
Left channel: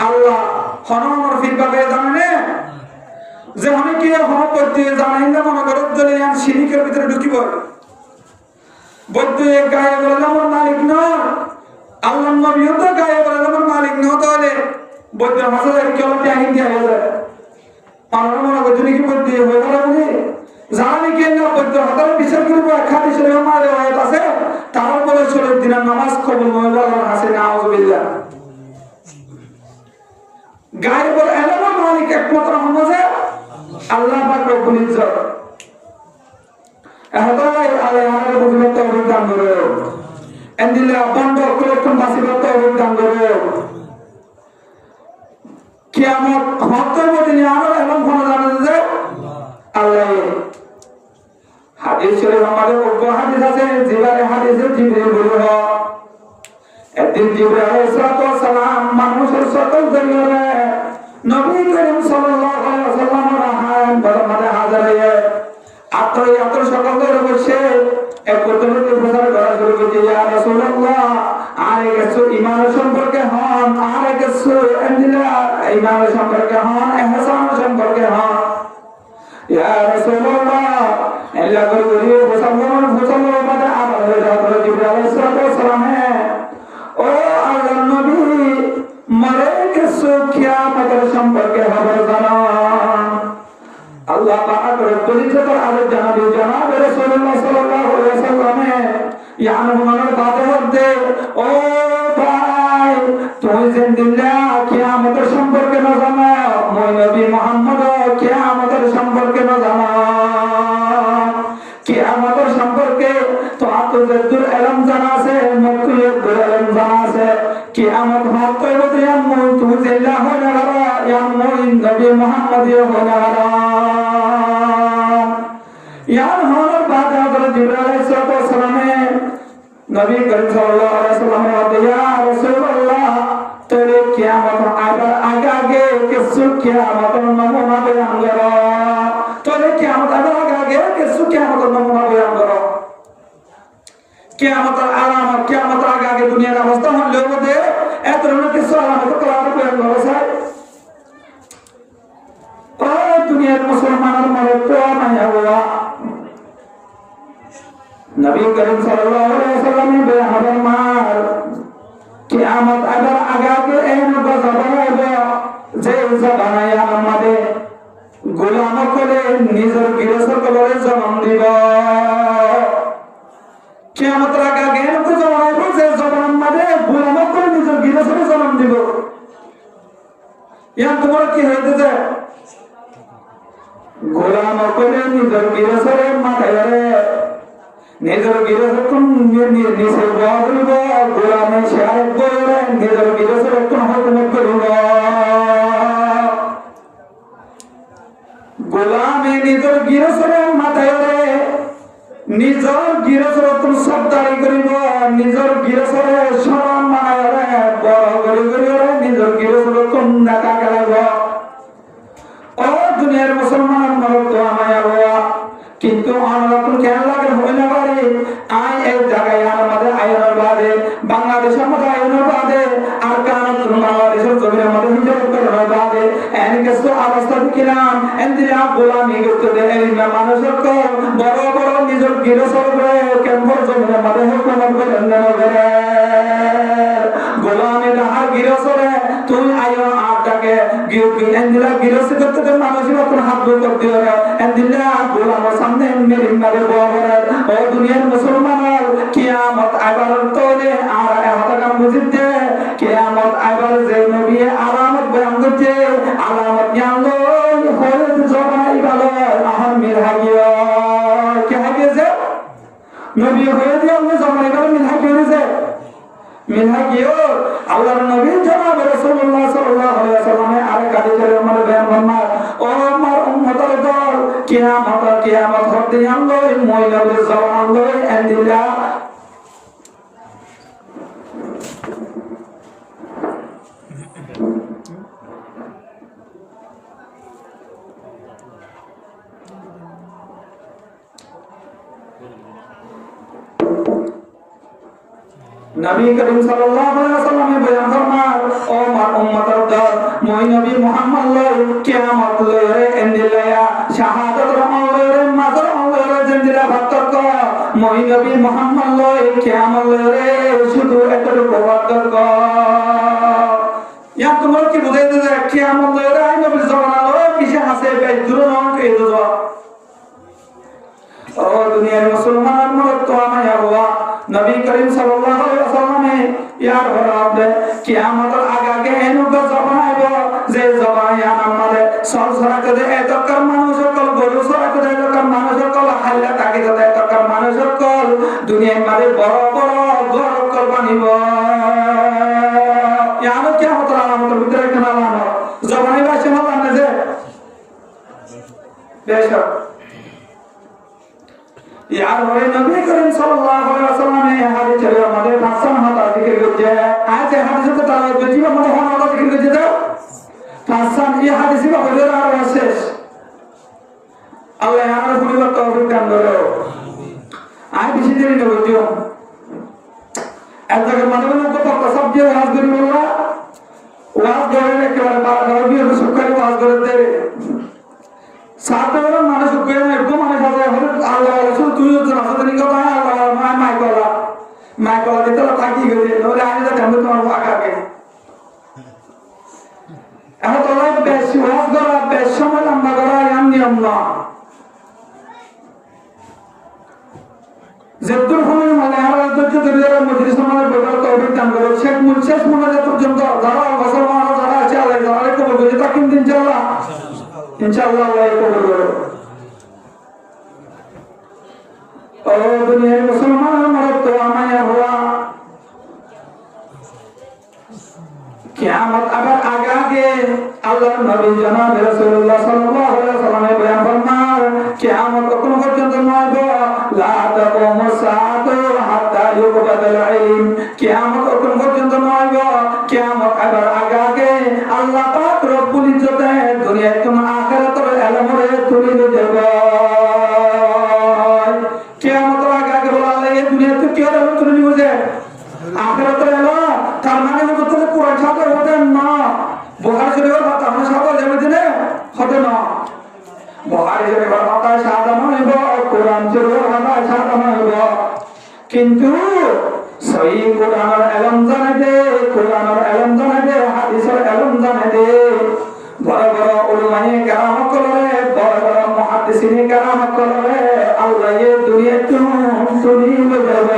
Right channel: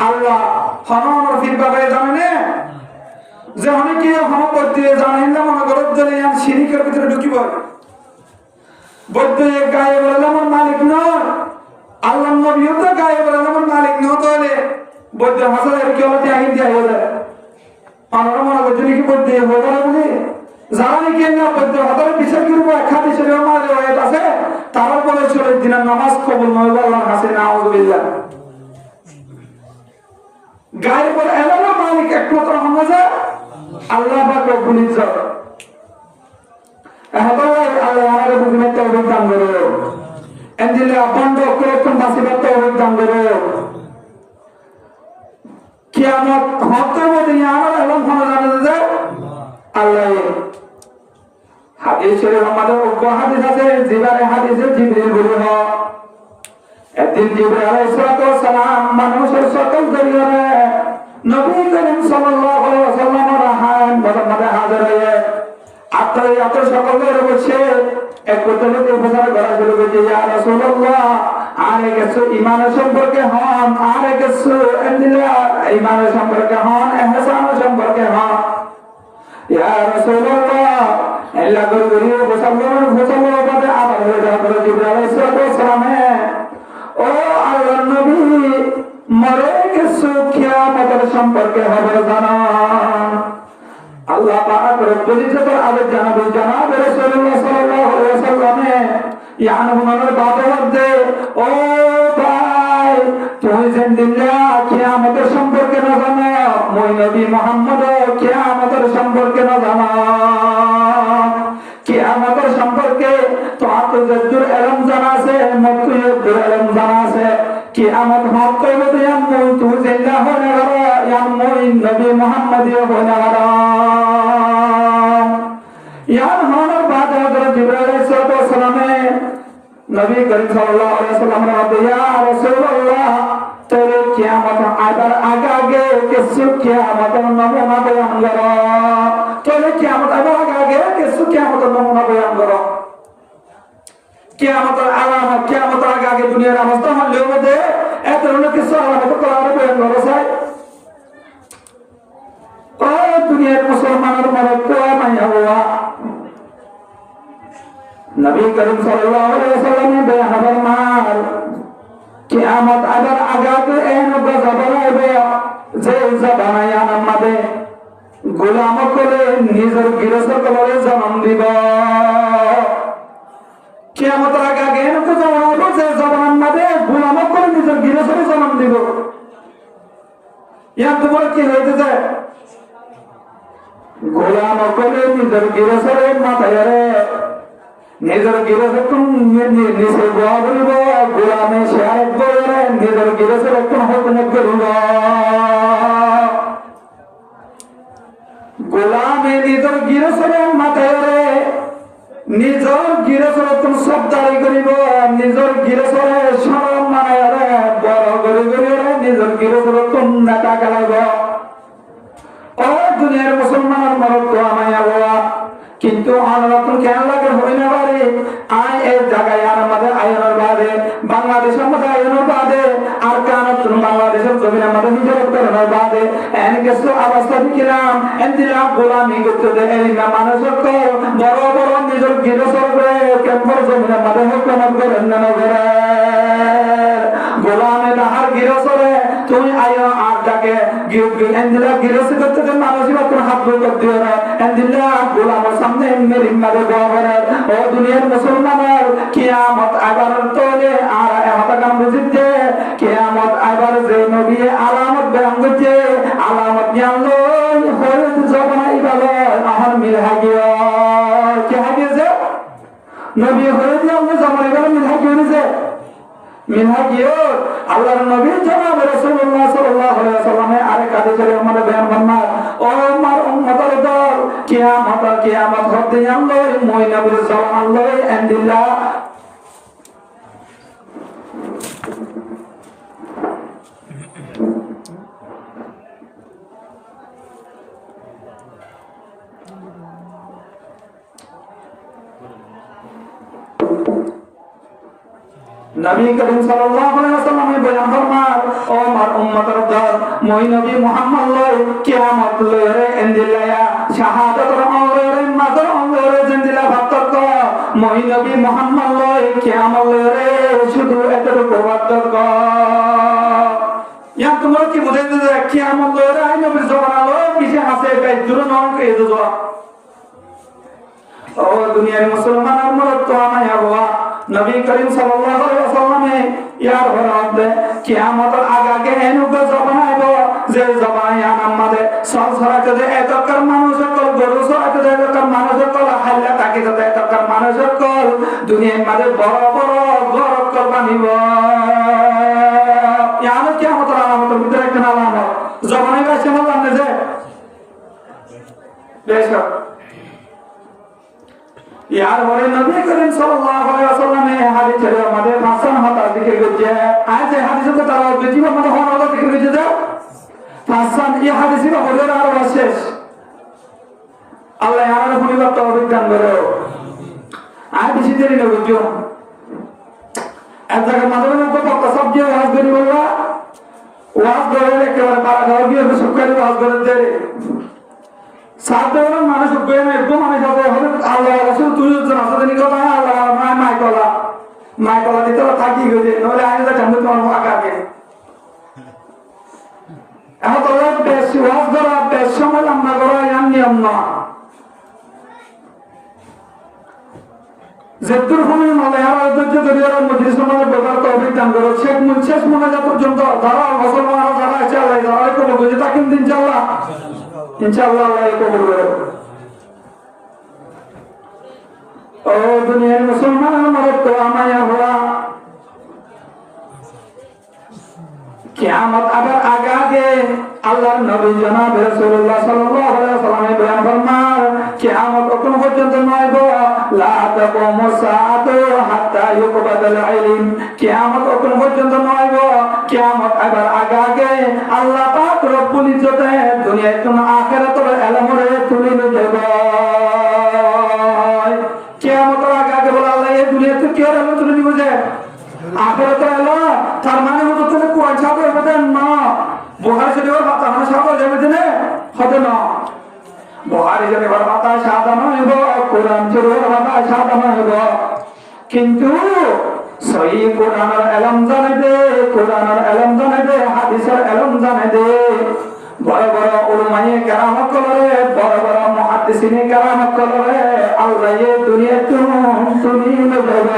আল্লাহ হনর ফির বাবে জানে যে আমি কি হম বৈদ্য জানেন না মনে করত দলে আর শিরিকের ভিতরে ঢুকিব বৈদ্য গায়ে বলে আমার মালিক নয় আল্লাহ নবীও তো গায়ে বলে আমার মালিক নয় তাহলে বৈদ্য হাসার কি হলো টাইম দিয়ে হলো আমরা মনে করছি কি বৈদ্য হয়ে গেল বলে জানি কি না বৈদ্য হাতারে বিচার করব খাতি শরীর মারে হয়ে আছে তার বলে চলে দিন নামাজ কবুল নয় আল্লাহ হাসে নাউজুবিল্লাহ গায়ে বলে এমন মালিক একমাত্র আমাদের আল্লাহ পাক রব্বুল ইজ্জত এহতাই আল্লাহ বুঝলে তো দান করো এন্দিলে বন্ধ করে কোন বাসিবা তো দান করো কিয়ামত হতে মধ্যে আমার এমন ভালো জানা যে আল্লাহ হাদিস শরীফ আমাদের অজ্ঞ হাদিস আছে জিবারে হাদিসে জিবরিল বলল একদিন জিবরিল আলাইহিস সালাম মানুষের সকল দরিয়ারে নবী করিম সাল্লাল্লাহু আলাইহি ওয়াসাল্লামের হায়াত বদমানে হাজির হয়ে আত্মীয় সকলদের বসে এক পদ্ধতিতে প্রচার করা শুরু করেছে ইয়া রাসূলুল্লাহ আরে কিছু ঈমানের সম্পর্কে হন আরে কিছু এন্দিলা ঈমানের সম্পর্কে হন ইহসান সম্পর্কে হন ইয়া রাসূলুল্লাহ আল্লাহ করিয়ে মুসলমান বাদে আবার হয়ে যাওয়ার জিবরিল আলাইহিস সালাম ও আল্লাহর নবী মরে কিছু কিয়ামতের সম্পর্কে খবর জানান আল্লাহ পাক রব্বুল ইজ্জতের আলো জানাবে জনাব রাসূলুল্লাহ সাল্লাল্লাহু আলাইহি ওয়াসাল্লাম ইয়ানুনের বাদে মধ্যে ও ভাই তুই জিন্দিল্লা কিয়ামতের সম্পর্কে না জানো মই নবী মুহাম্মদ কিয়ামতের সম্পর্কে না জানো কিয়ামতের সম্পর্কে তো আতজাদুর ইলম জানা আছে মুতুয়াদুর ইলম জানা আছে কিয়ামত হক কইবো ইয়ামু তুই জিল্লা হনা ওয়া ইয়ামু নবী মুহাম্মদ হনা ওয়া ইয়ান হনার বাদে হযরত জিবরাইল আলাইহিস সালাম নবী করিম সাল্লাল্লাহু আলাইহি ওয়াসাল্লাম বলে ইয়া রাসূলুল্লাহ তোরে কিয়ামত আবার আগে কিছু কিয়ামতের নমুনা বয়ান করো তোরে কিয়ামত আবার আগে কিছু কিয়ামতের নমুনা বয়ান করো কিয়ামতের আলামত কিয়ামতের আগে দুনিয়ার অবস্থা হলেও মধ্যে এত ধরনের কিছু আলামত করার বয়ান করো স্যার ও দুনিয়ার মুসলমানের মনে তো মাইয়া বাবা নবী করিম সাল্লাল্লাহু আলাইহি ওয়াসাল্লাম বয়ান ফরমান কিয়ামত আবার আগে এমন গজব হবে যে জবানায় আমাদের গোলাম করে নিজের গৃহস্থ করে জন্ম দিব কিয়ামত আগে এমন গজব হবে যে জবান মধ্যে গোলাম করে নিজের গৃহস্থ জন্ম দিব ইয়ান তোমার কি হইতেছে গোলাম করে নিজের গৃহস্থের মাথায় নিজের গৃহস্থ নিচে বয়া করিব গোলামে শেয়ার করে নিজের গৃহস্থের কোন হুকুমত করিব গোলামে নিজের গৃহস্থের মাথায় নিজের গৃহস্থের কোন সবদারি করিব নিজের গৃহস্থের সম্মান বড় করে নিজের গৃহস্থের কোন নেতা খেলাইব ও দুনিয়ার মুসলমান মরদ তো আমায় আল্লাহ কিন্তু আল্লাহ কেন লাগে হয় না পারে আই এই জায়গায় আমাদের আয়নের বাদে বাংলাদেশের মধ্যে আয়নের বাদে আর কারণ বাংলাদেশের জমির আমাদের নিজের উত্তরের বাদে এন কিছু অবস্থা কিরাম এন্দিরা গোলামি করতে দেয় না মানুষের তো বড় বড় নিজের গৃহস্থর করে কেমন জমির আমাদের হুকুমত করেন না করে গোলামে তাহার গৃহস্থরে তুই আয়ো আটটাকে এন্দিরা গৃহস্থ করতে মানুষের কোন হাত দূর করতে হবে এন্দিরা গোলামের সামনে মেরিমারে বলে ও দুনিয়ার মুসলমানের কিয়ামত আবার তোরে আর হতাকাম বুঝিতে কিয়ামত আবার যে নবী আলামত বয়ান করছে আলামত জানলো হরে জবাই ভালো আহন মিল হাগিও কি হাগিয়েছে নবী হয়ে দিয়ে আল্লাহ জবাই ভালো মিল হাগিয়েছে মিল হাগিও আল্লাহর নবী জনাব রাসূলুল্লাহ সাল্লাল্লাহু আলাইহি ওয়াসাল্লামের আরেক হাদিসে আমাদের বয়ান ফরমান ও আমার উম্মতের দল কিয়ামত হতে আল্লাহ মই নবীর জবান লই এন্দিলা নবী করিম সাল্লাল্লাহু আলাইহি ওয়াসাল্লাম বয়ান ফরমান ও আমার উম্মতের দল মই নবী মুহাম্মদ লয় কিয়ামত লয় এন্দিলায়া শাহাদাত রহমানের মাদর লয় জিন্দিলা বাতক মই নবী মুহাম্মদ লয় কিয়ামত লয় শুধু এতটুকু বাতক ইয়া তোমরা কি বুঝাইতে যে কিয়ামত লয় আই নবী জবানা লয় পিছে আছে বে দুরন কে দো ও দুনিয়ার মুসলমান মরদ তো আমায় হওয়া নবী করিম সাল্লাল্লাহু আলাইহি ওয়াসাল্লামে ইয়ার বরাবরে কিয়ামতের আগে এনুক জবান আইব যে জবান আমাদের সংসারতে যে এতকার মানুষ সকল গরু সরাতে যে এতকার মানুষ সকল হাল্লা তাকে যে এতকার মানুষ সকল দুনিয়ার মাঝে বড় বড় গরক বানিব ইয়ার কিয়ামতের আলামতের ভিতরে একটা আলামত জবানে বাসে না যে বেশক यार होए नबी करीम सल्लल्लाहु अलैहि वसल्लम ने हमारे चले हमारे भाषण होता जिक्र किया आज हदीस को ताला बेटी में मतलब होना होता जिक्र किया जाओ भाषण ये हदीस में हो रहा है शेष अल्लाह यार पूरी बात तो रुकन बोलो आज किसी देरी न बुझो ऐसा कर मतलब में ऊपर पक्का सब जो वाज करी बोला वाज करे के बारे रबी में सुकरी वाज करे दे সাধারণ মানুষ কইনা একদম মানুষ আছে হযরত আল্লাহ রাসূল তুই তো রাসূল নিকো ভাই আল্লাহ মাইকলা দিতে থাকি গেলে নলে আজ তো কাম তোমার আকাকে এখন তো বেশ ওয়াজ করা বেশ সময় আমরা করা এর নিয়ম না যেতুর ফলে মানে আর ধৈর্য ধরে মজলিস আমাদের বলার তৌফিক দান করো শেষ মোনাজাত পর্যন্ত যারা মুসলমান যারা আছে আল্লাহ যারা কবুল করে তাকিন ইনশাআল্লাহ इंशाअल्लाह अल्लाह कबूल करो ओ दुनिया मुसलमान मरद तो आमाया हुआ कियामत अगर आगे अल्लाह नबी जनाब রাসূলুল্লাহ সাল্লাল্লাহু আলাইহি ওয়াসাল্লাম বয়ান ফরমান কিয়ামত কোন পর্যন্ত নয় গো লা তাকুমু সাআতু হাত্তা ইউকবাদাল ইলম কিয়ামত কোন পর্যন্ত নয় গো কিয়ামত আবার আগে আল্লাহ পাক রব্বুল ইজ্জতে দুনিয়ার কোন আখিরাতের ইলমরে তুলি দেব কিয়ামত আগে বলা আল্লাহ এই দুনিয়াতে কি ইলম তুলি নিব যে আখিরাতের ইলম তার মানে হচ্ছে তুমি কোরআন ছাত্র হতে না বুখারী শরীফের কথা আমরা ছাত্র যাবে না হবে না বুখারী শরীফের কথা সাদা নয় কোরআন শরীফের কথা সাদা নয় কিন্তু সহি কোরআনের ইলম জানে হাদিসের ইলম জানে বড় বড় উলামায়ে কেরাম কলরে বড় বড় মুহাদ্দিসিনে কেরাম কলরে আল্লাহ এই দুনিয়াতে তুলি দেব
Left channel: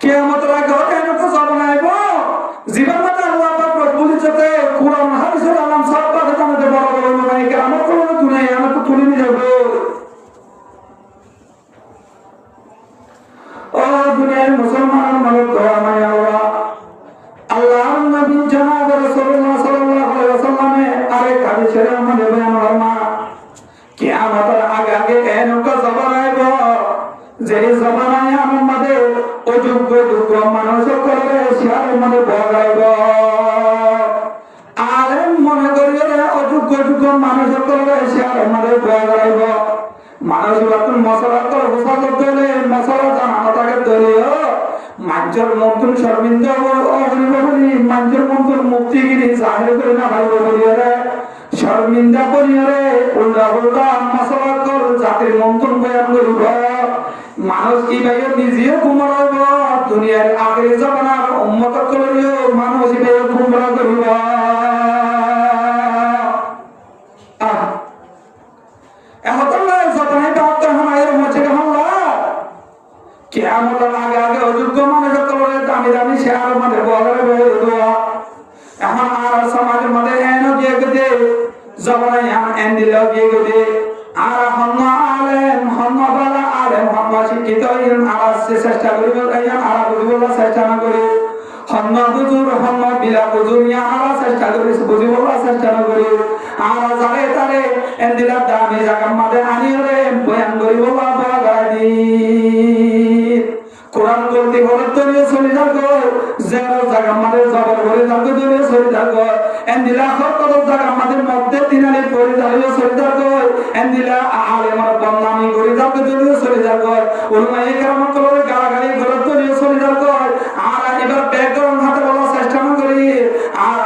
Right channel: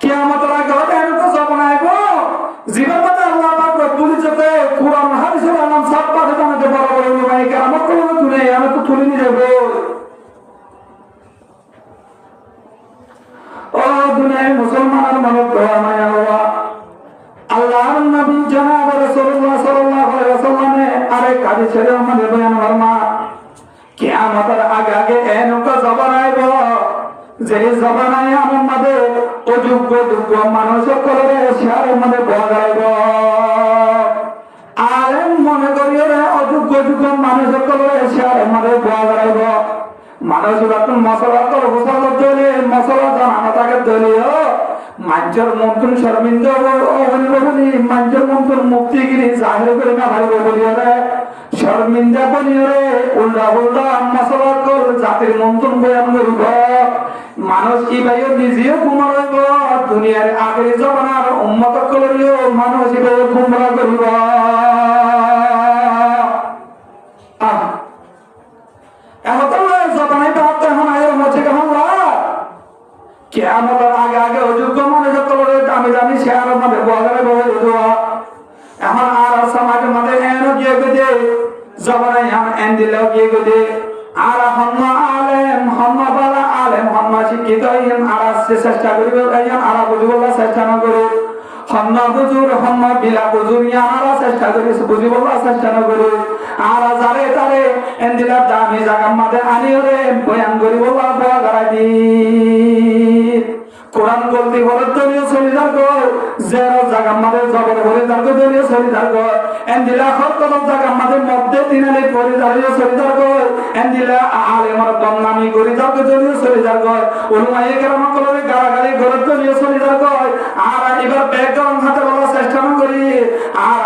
কিয়ামতের আগে হতে তো জবানাইব জীবন মতে আল্লাহ পাক রব্বুল ইজ্জতে কোরআন হাদিসের নাম সব পাকে আমাদের বড় বড় উলামায়ে কেরাম কলরে তুলে আমি তো তুলে নিয়ে যাব ও দুনিয়ার মুসলমান মানব তো আমায় আল্লাহর নবী জনাব রাসূলুল্লাহ সাল্লাল্লাহু আলাইহি ওয়াসাল্লামে আরেক হাদিসের মধ্যে বয়ান ফরমা কিয়ামতের আগে এনকা জবানাইব যে জবানায় আমার মধ্যে অযোগ্য মানুষ করবে সে মনে বগাইব আলেম মনে করিলে অযোগ্য মানুষ করবে সে মনে বগাইব মানুষ বাতুন মশলা তো হোসা করতে হলে মশলা জানা তাকে দলীয় মাঞ্জর মন্ত্রী শর্মিন্দ বলি মাঞ্জর মন্ত্র মুক্তিগিরি জাহির করে না ভাইব বলিয়ে শর্মিন্দা বলিয়ে উল্টা মশলা কর জাতির মন্ত্র বয়ান করিব মানুষ কি ভাই নিজেও ঘুমাইব দুনিয়ার আগের জমানার উম্মত করিও মানুষ ভাই ঘুমরা করিব কিয়ামতের আগে অযোগ্য মানুষ কলরে দামি শেয়ার মধ্যে বলারে বলে দেওয়া এখন আর সমাজের মধ্যে এনো গিয়ে গেছে জবানে এন দিল গিয়ে গেছে আর হন্না আলেম হন্না শিক্ষিত আর চেষ্টা করিব আর বুঝিবলা চেষ্টা না করে হন্না হুজুর হন্না বিলা হুজুর আর চেষ্টা করে বুঝিবলা চেষ্টা না করে আর যারে তারে এন দিলা দামি জায়গার মধ্যে আনিয়ে বয়ান করিবলা বলা গাড়ি দি কোরআন বলতে ঘরের দলীয় চলে থাকো জেরো জায়গা আমাদের জবর ঘরে থাকো দলীয় চলে থাকো এন্দিলা হক কত জায়গা আমাদের মধ্যে তিনালে পড়ে দাঁড়িয়ে চলে থাকো এন্দিলা আলেমর বদনামি করে যাবে দলীয় চলে যাবে উলমায়ে কেরাম কলরে গাড়াগাড়ি গলত দলীয় চলে যাবে আর এবার ব্যাকগ্রাউন্ড হাতে বলার চেষ্টা না করি আর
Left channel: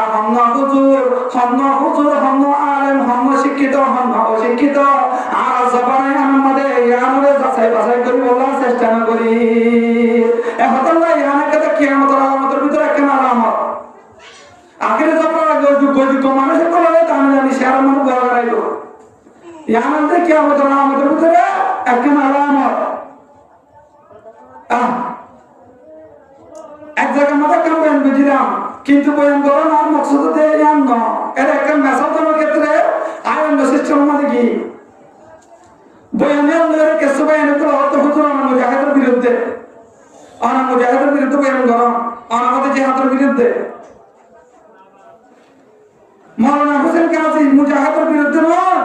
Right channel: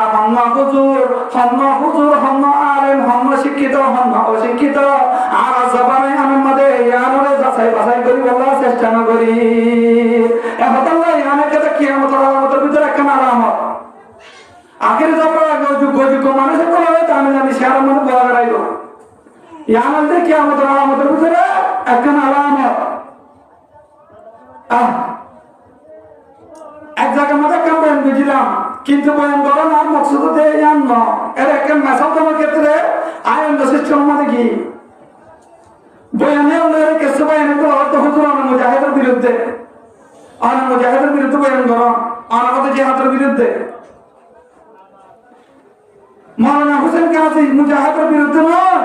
হন্ন হুজুর হন্ন আলেম হন্ন শিক্ষিত হন্ন অশিক্ষিত আর জবানে আমাদের ইয়ানরে যাচাই বাছাই করি বলার চেষ্টা না করি এখন আল্লাহ ইয়ানের কথা কিয়ামতের আলামতের ভিতরে একটা আলামত আখেরে যাবার যোগ্য মানুষের কলরে দামি শেয়ার মত বলা গাড়াইব ইয়ানতে কিয়ামতের আলামতের ভিতরে একটা আলামত এক জায়গার মধ্যে একটা বয়ান বুঝলাম কিন্তু বয়ান বড় না মকসুদ দিয়ে ইয়ান ন এর একটা মেসাল দেওয়ার ক্ষেত্রে আয়ন সিস্টেমের মধ্যে কি বয়ানে আমাদের কিছু বয়ানে তো অর্থ হুজুর মুজাহিদের বিরুদ্ধে মুজাহিদের বিরুদ্ধে বয়ান করো আমাদের জিহাদের বিরুদ্ধে মৌলানা হোসেন কাজী মুজাহিদের বিরুদ্ধে নয়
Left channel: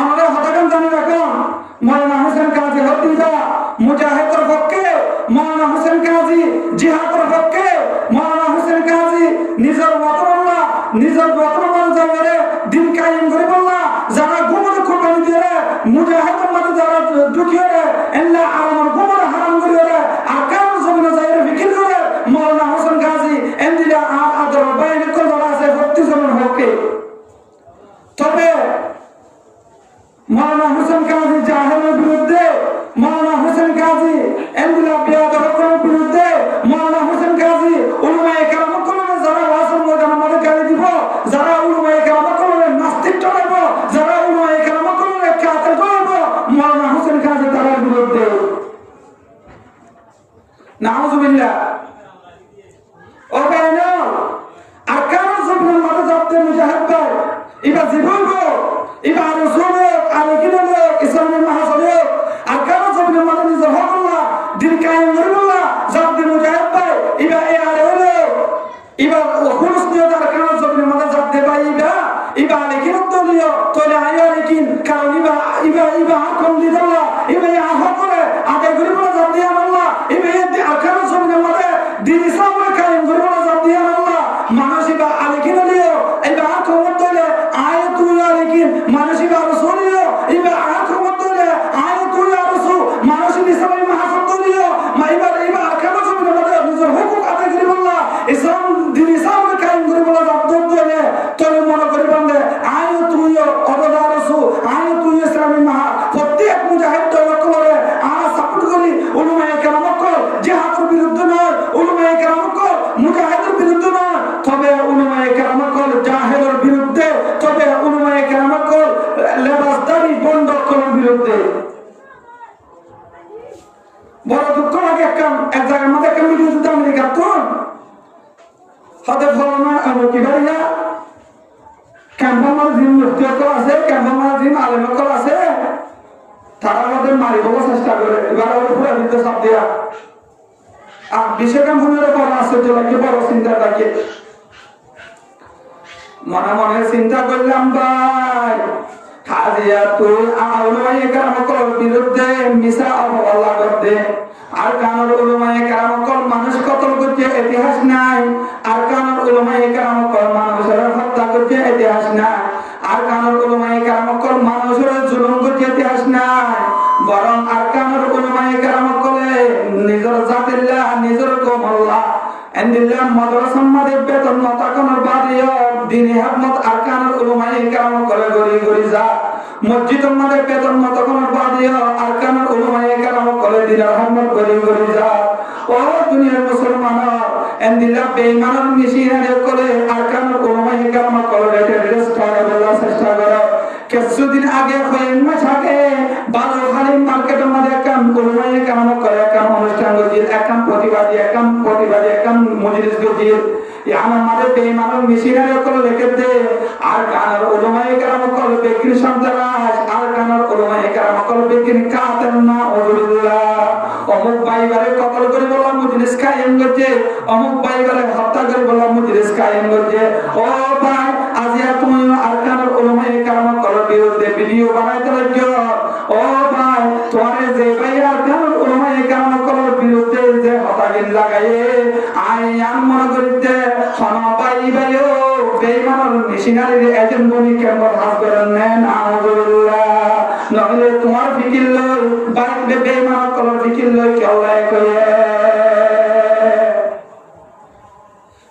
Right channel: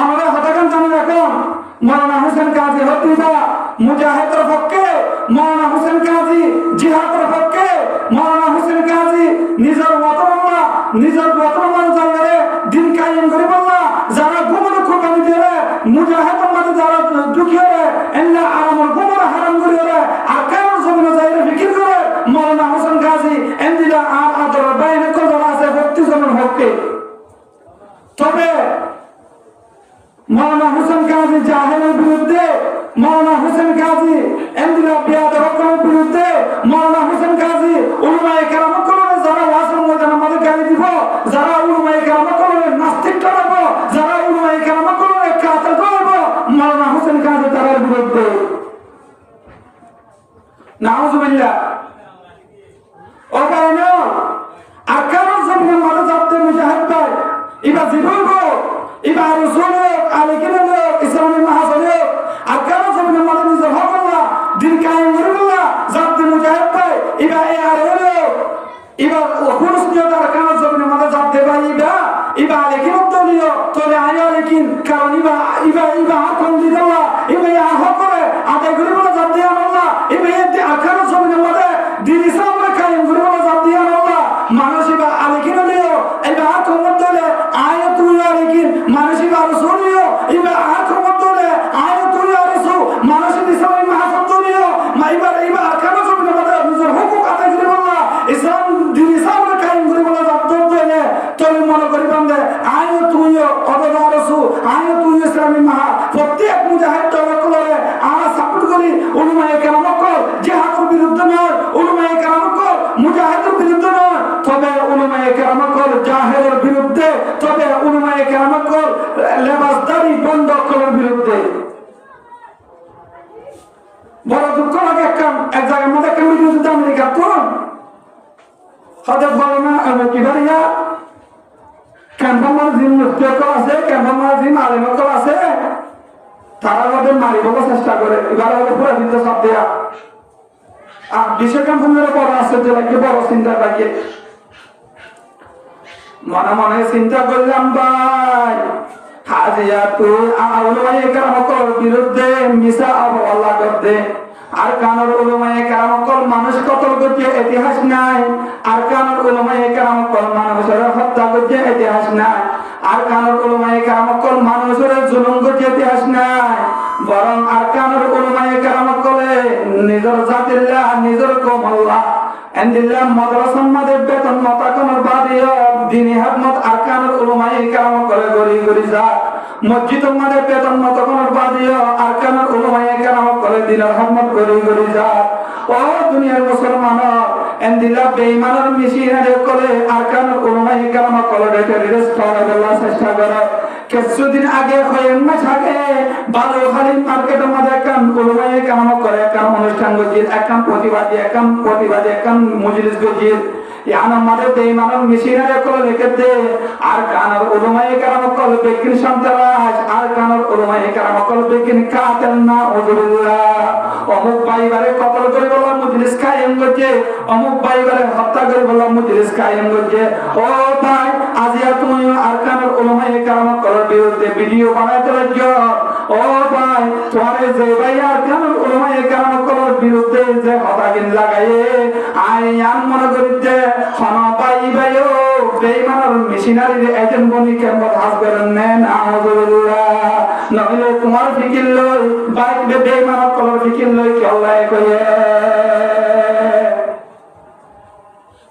আমাদের হতাকান জানি রাখুন মৌলানা হোসেন কাজী হত্যা মুজাহিদের পক্ষে মৌলানা হোসেন কাজী জিহাদের পক্ষে মৌলানা হোসেন কাজী নিজের মতবাল্লা নিজের মতবাল্লা জায়গায় দিন কায়েম করে বললা যারা গুমর কুরবানি দিয়ে মুজাহিদের মধ্যে যারা ঢুকিয়ে এন্না আমার গুমর হারাম করে আর কারণ জমিনে যাইরে ফিকির করে মৌলানা হোসেন কাজী এন্দিলা আদর বাইরে কদর আছে 32 জনের পক্ষে তবে মৌলানা হোসেন কাজী জাহেলের বিরুদ্ধে মৌলানা হোসেন কাজী এন্দিলা বিয়াদর বিরুদ্ধে মৌলানা হোসেন কাজী উলামায়ে কেরাম কলরে যারা ওয়াজের ময়দানে আমাদের গালি দিব যারা উলামায়ে কেরাম কলরে নাস্তিক টানাব যারা উলামায়ে কেরাম কলরে কাতেল ধরব মৌলানা হোসেন কাজী তাদের বিরুদ্ধে নাউজুবিল্লাহ ও কারণে আর কারণ জমিনের মাঝে যাতে মুজাহিদ ভাই এবার জীবন এবার রসুল আলেকিন ইসলামের মাহাজল আর কারণ জমিনের মাঝে নিজের হক আল্লাহ দিন কায়েম করবল্লাহ যাতে মুজাহিদ ভাই এবার এ আর হলো এবার খুলুস নিয়ে তার কারণ জমিনের মাঝে যাতে ভাই এবার আলেকিন দলীয় তলে আয় আলেকিন কারণ এবার আকম দিদ আল্লাহ এবার হক করে আদায় করি বলে যাতে আল্লাহ এবার কারণ জমিনের মাঝে দিন ইসলামের কায়েম করি বলে যাতে আল্লাহ মানুষ এবার আলেকিন দিও এবার আকম দলে আয় তুই আলেকিন মানুষ এবার রসুলিও এবার আকম দলে আয় তুই রসুল মানুষ ইসলামের মাহাজল দলীয় এবার কারণ জমিনের মাঝে নিজের হুকুম আদায় করি বললা ইসলাম দিন ইসলামের কায়েম করি বলে যাতে দলে তলে মনে করি বান্দে আয় তুইও অবদা রসুল আয় তুই ইসলামের মাহা প্রত্যেক মুজাহিদ দলের কলরে আমরা সাপোর্ট করি উলামায়ে কেরাম কল জিহাদের বিরুদ্ধে নয় উলামায়ে কেরাম কল মুজাহিদের বিরুদ্ধে নয় তবে উলামায়ে কেরাম কল জাহেলের বিরুদ্ধে তবে উলামায়ে কেরাম কল লেবাসদারি বন্ধ করার বিরুদ্ধে বড় দুঃখ লাগে এক জায়গার মধ্যে একটা মিডিয়া আমেরিকা তো হাতে ফলনা কিবারিয়া ক্যাম্পামার জিম মুক্তিকল আছে ক্যাম্পামার জিম আলেমকল আছে তারা আমাদের মারিবার চেষ্টা করে এবার পুরো হিন্দু সব দেয়া আর বিশ্ব ক্যাম্পামের বড় আছে তো কি বড় চিন্তা থাকে মনে মনে চিন্তা করলাম ভাই হাজিয়া তুই উলামায়ে কেরাম কল বিরুদ্ধে মিছা অবহেলা করতে আর কানের উলামায়ে কেরাম কল মানুষ কতল করছে ইতিহাস নাই আর কানের উলামায়ে কেরাম কল মানুষের হত্যা করছে ইতিহাস নাই আর কানের উলামায়ে কেরাম কল মানুষের জুলুম করছে ইতিহাস নাই বরং আর কানের উলামায়ে কেরাম কলে নিজের জাতিল্লাহ নিজের কমল্লাহ এন্দিল্লাহ মাদ্রাসার মধ্যে বেতন মতাকানোর বাদিও দিনী হাকমত আর কানের উলামায়ে কেরাম কলে গরি গরি যা মসজিদের মধ্যে বেতন মতাকানোর বাদিও আর কানের উলামায়ে কেরাম কলে দিলার হাকমত গরি গরি যা ও দুনিয়ার মুসলমান এন্দিল্লাহ বেঈমানের মিশিনারে করে আর কানের উলামায়ে কেরাম কলে রেস্ট করে বলার চেষ্টা করে কিছুদিন আগে কয়েক মাস আগে বালুখালী মার্কেটের মধ্যে একটা উলামায়ে কেরাম করে একটা অনুষ্ঠান গজির একটা প্রতিবাদী একটা মজলিস গজির ইয়ানার মধ্যে বেঈমানের মিশিনারে করে রেখে দে আর কানের উলামায়ে কেরাম করে বিক্রি সন্ত্রাস আর কানের উলামায়ে কেরাম করে বিক্রি কাতেল না ওজুল্লাহ অমুক ভাইবারে কতল করে বলা মজলিস কায়েম করছে অমুক ভাইবারে হত্যা করে বলা মজলিস কায়েম করছে ও ভাই আজিয়া তুমি আর কানের উলামায়ে কেরাম করে বিরুদ্ধে ভিডিও বানাইতে লাগছো ও ভাই তোমার যে ভাই আর কানের উলামায়ে কেরাম করে বিরুদ্ধে যে হতাগিল লাগায়ে আইয়ান মনে করতে খানা পাই ভাইও বেঈমানের মেশিনারি এজেন্ট বনি কেমন হাস করেন না আউযুবিল্লাহ নহলে তোমার ফিকির লই বাইক বেঈমান কলর ফিকির লই কেউ কয়ে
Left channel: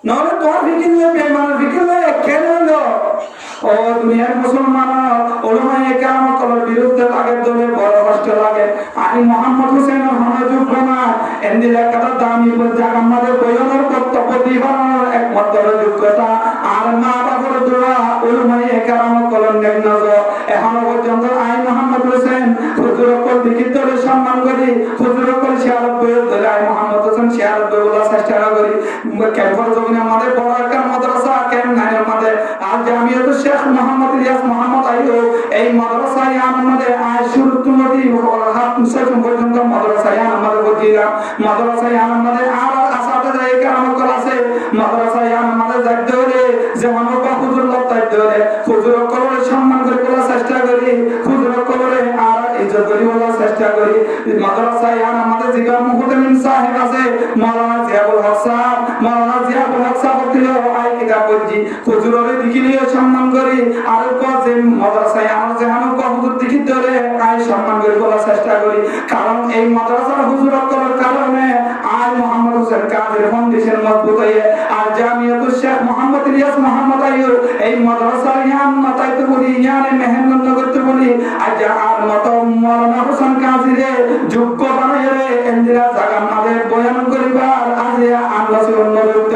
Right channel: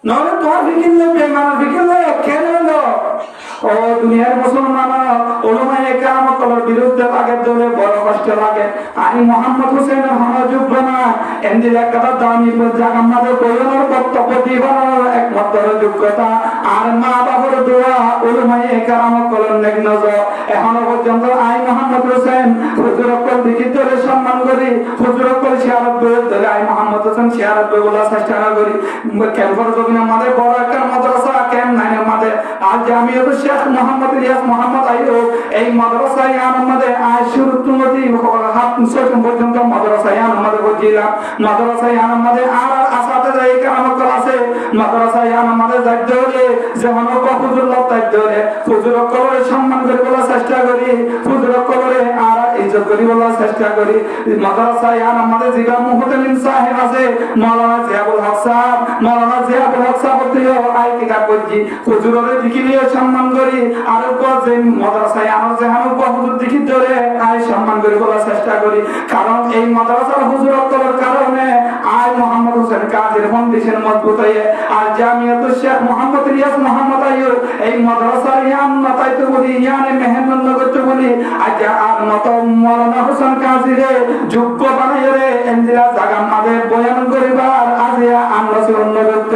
নহলে তোমার ফিকির লই বেঈমান ফিকির লই কেন ও দুনিয়ার মুসলমান ওলামায়ে কেরাম কলর বিরুদ্ধে লাগে দলে বড় কষ্ট লাগে আমি মোহাম্মদ হোসেন আমার যোগ্য না এন্দির একটা দামি জায়গা আমাদের বইয়ের বক্তব্য দিবার একমাত্র যোগ্যতা আর মা বাবার দোয়া ওলামায়ে কেরাম কলর নেক নজর এখনো পর্যন্ত আই মোহাম্মদ হোসেন হুজুর কল দিকে ধরে সম্মান করি হুজুর কল শিয়ারত ধরে আই মোহাম্মদ হোসেন শিয়ারত বলা চেষ্টা করি ক্যাম্পাস জমিনে আমাদের বড় একটা মাদ্রাসা ক্যাম্প নাই আমাদের আর জামিয়াত শেখ মোহাম্মদ ইলিয়াস মোহাম্মদ আইয়ুব এই মাদ্রাসায় আমাদের শুরু তুমতি হাত মুসলমান পর্যন্ত মাদ্রাসায় আমাদের বজিরা মাদ্রাসায় আমাদের আর আসাতে যায় কাম করাছে মাদ্রাসায় আমাদের যাইতে হলে যেমন হুজুর লোক যাইতে হলে হুজুর কলরে সম্মান করে বলার চেষ্টা করি হুজুর কলরে আর ইজ্জত করি বলার চেষ্টা করি মাদ্রাসায় আমাদের জিগা মুহতামিম সাহেব আছে মাওলানা জিয়াউল হক সাহেব মাওলানা জিয়াউল হক সাহেব দিও আই কিতাব করছি হুজুরের দিকে নিয়ে সম্মান করি আর যে মাদ্রাসায় আমার যেমন হুজুর দিকে ধরে আই সম্মান করে বলার চেষ্টা করি কারণ এই মাদ্রাসার হুজুর করার কারণে আই মোহাম্মদ হোসেন কাদের ফাউন্ডেশন মজবুত হয়ে আর জামিয়াত শেখ মোহাম্মদ ইলিয়াস মোহাম্মদ আইয়ুব এই মাদ্রাসার ইয়ান মাতাইতে বলি ইয়ানে মেহনত করতে বলি আজ আর মত মাওলানা হোসেন কাজীরে যোগ্য বানাইয়ে রে এন্দিরা জায়গা মাঝে বয়ান করিবার আজ আমরা অনুরোধ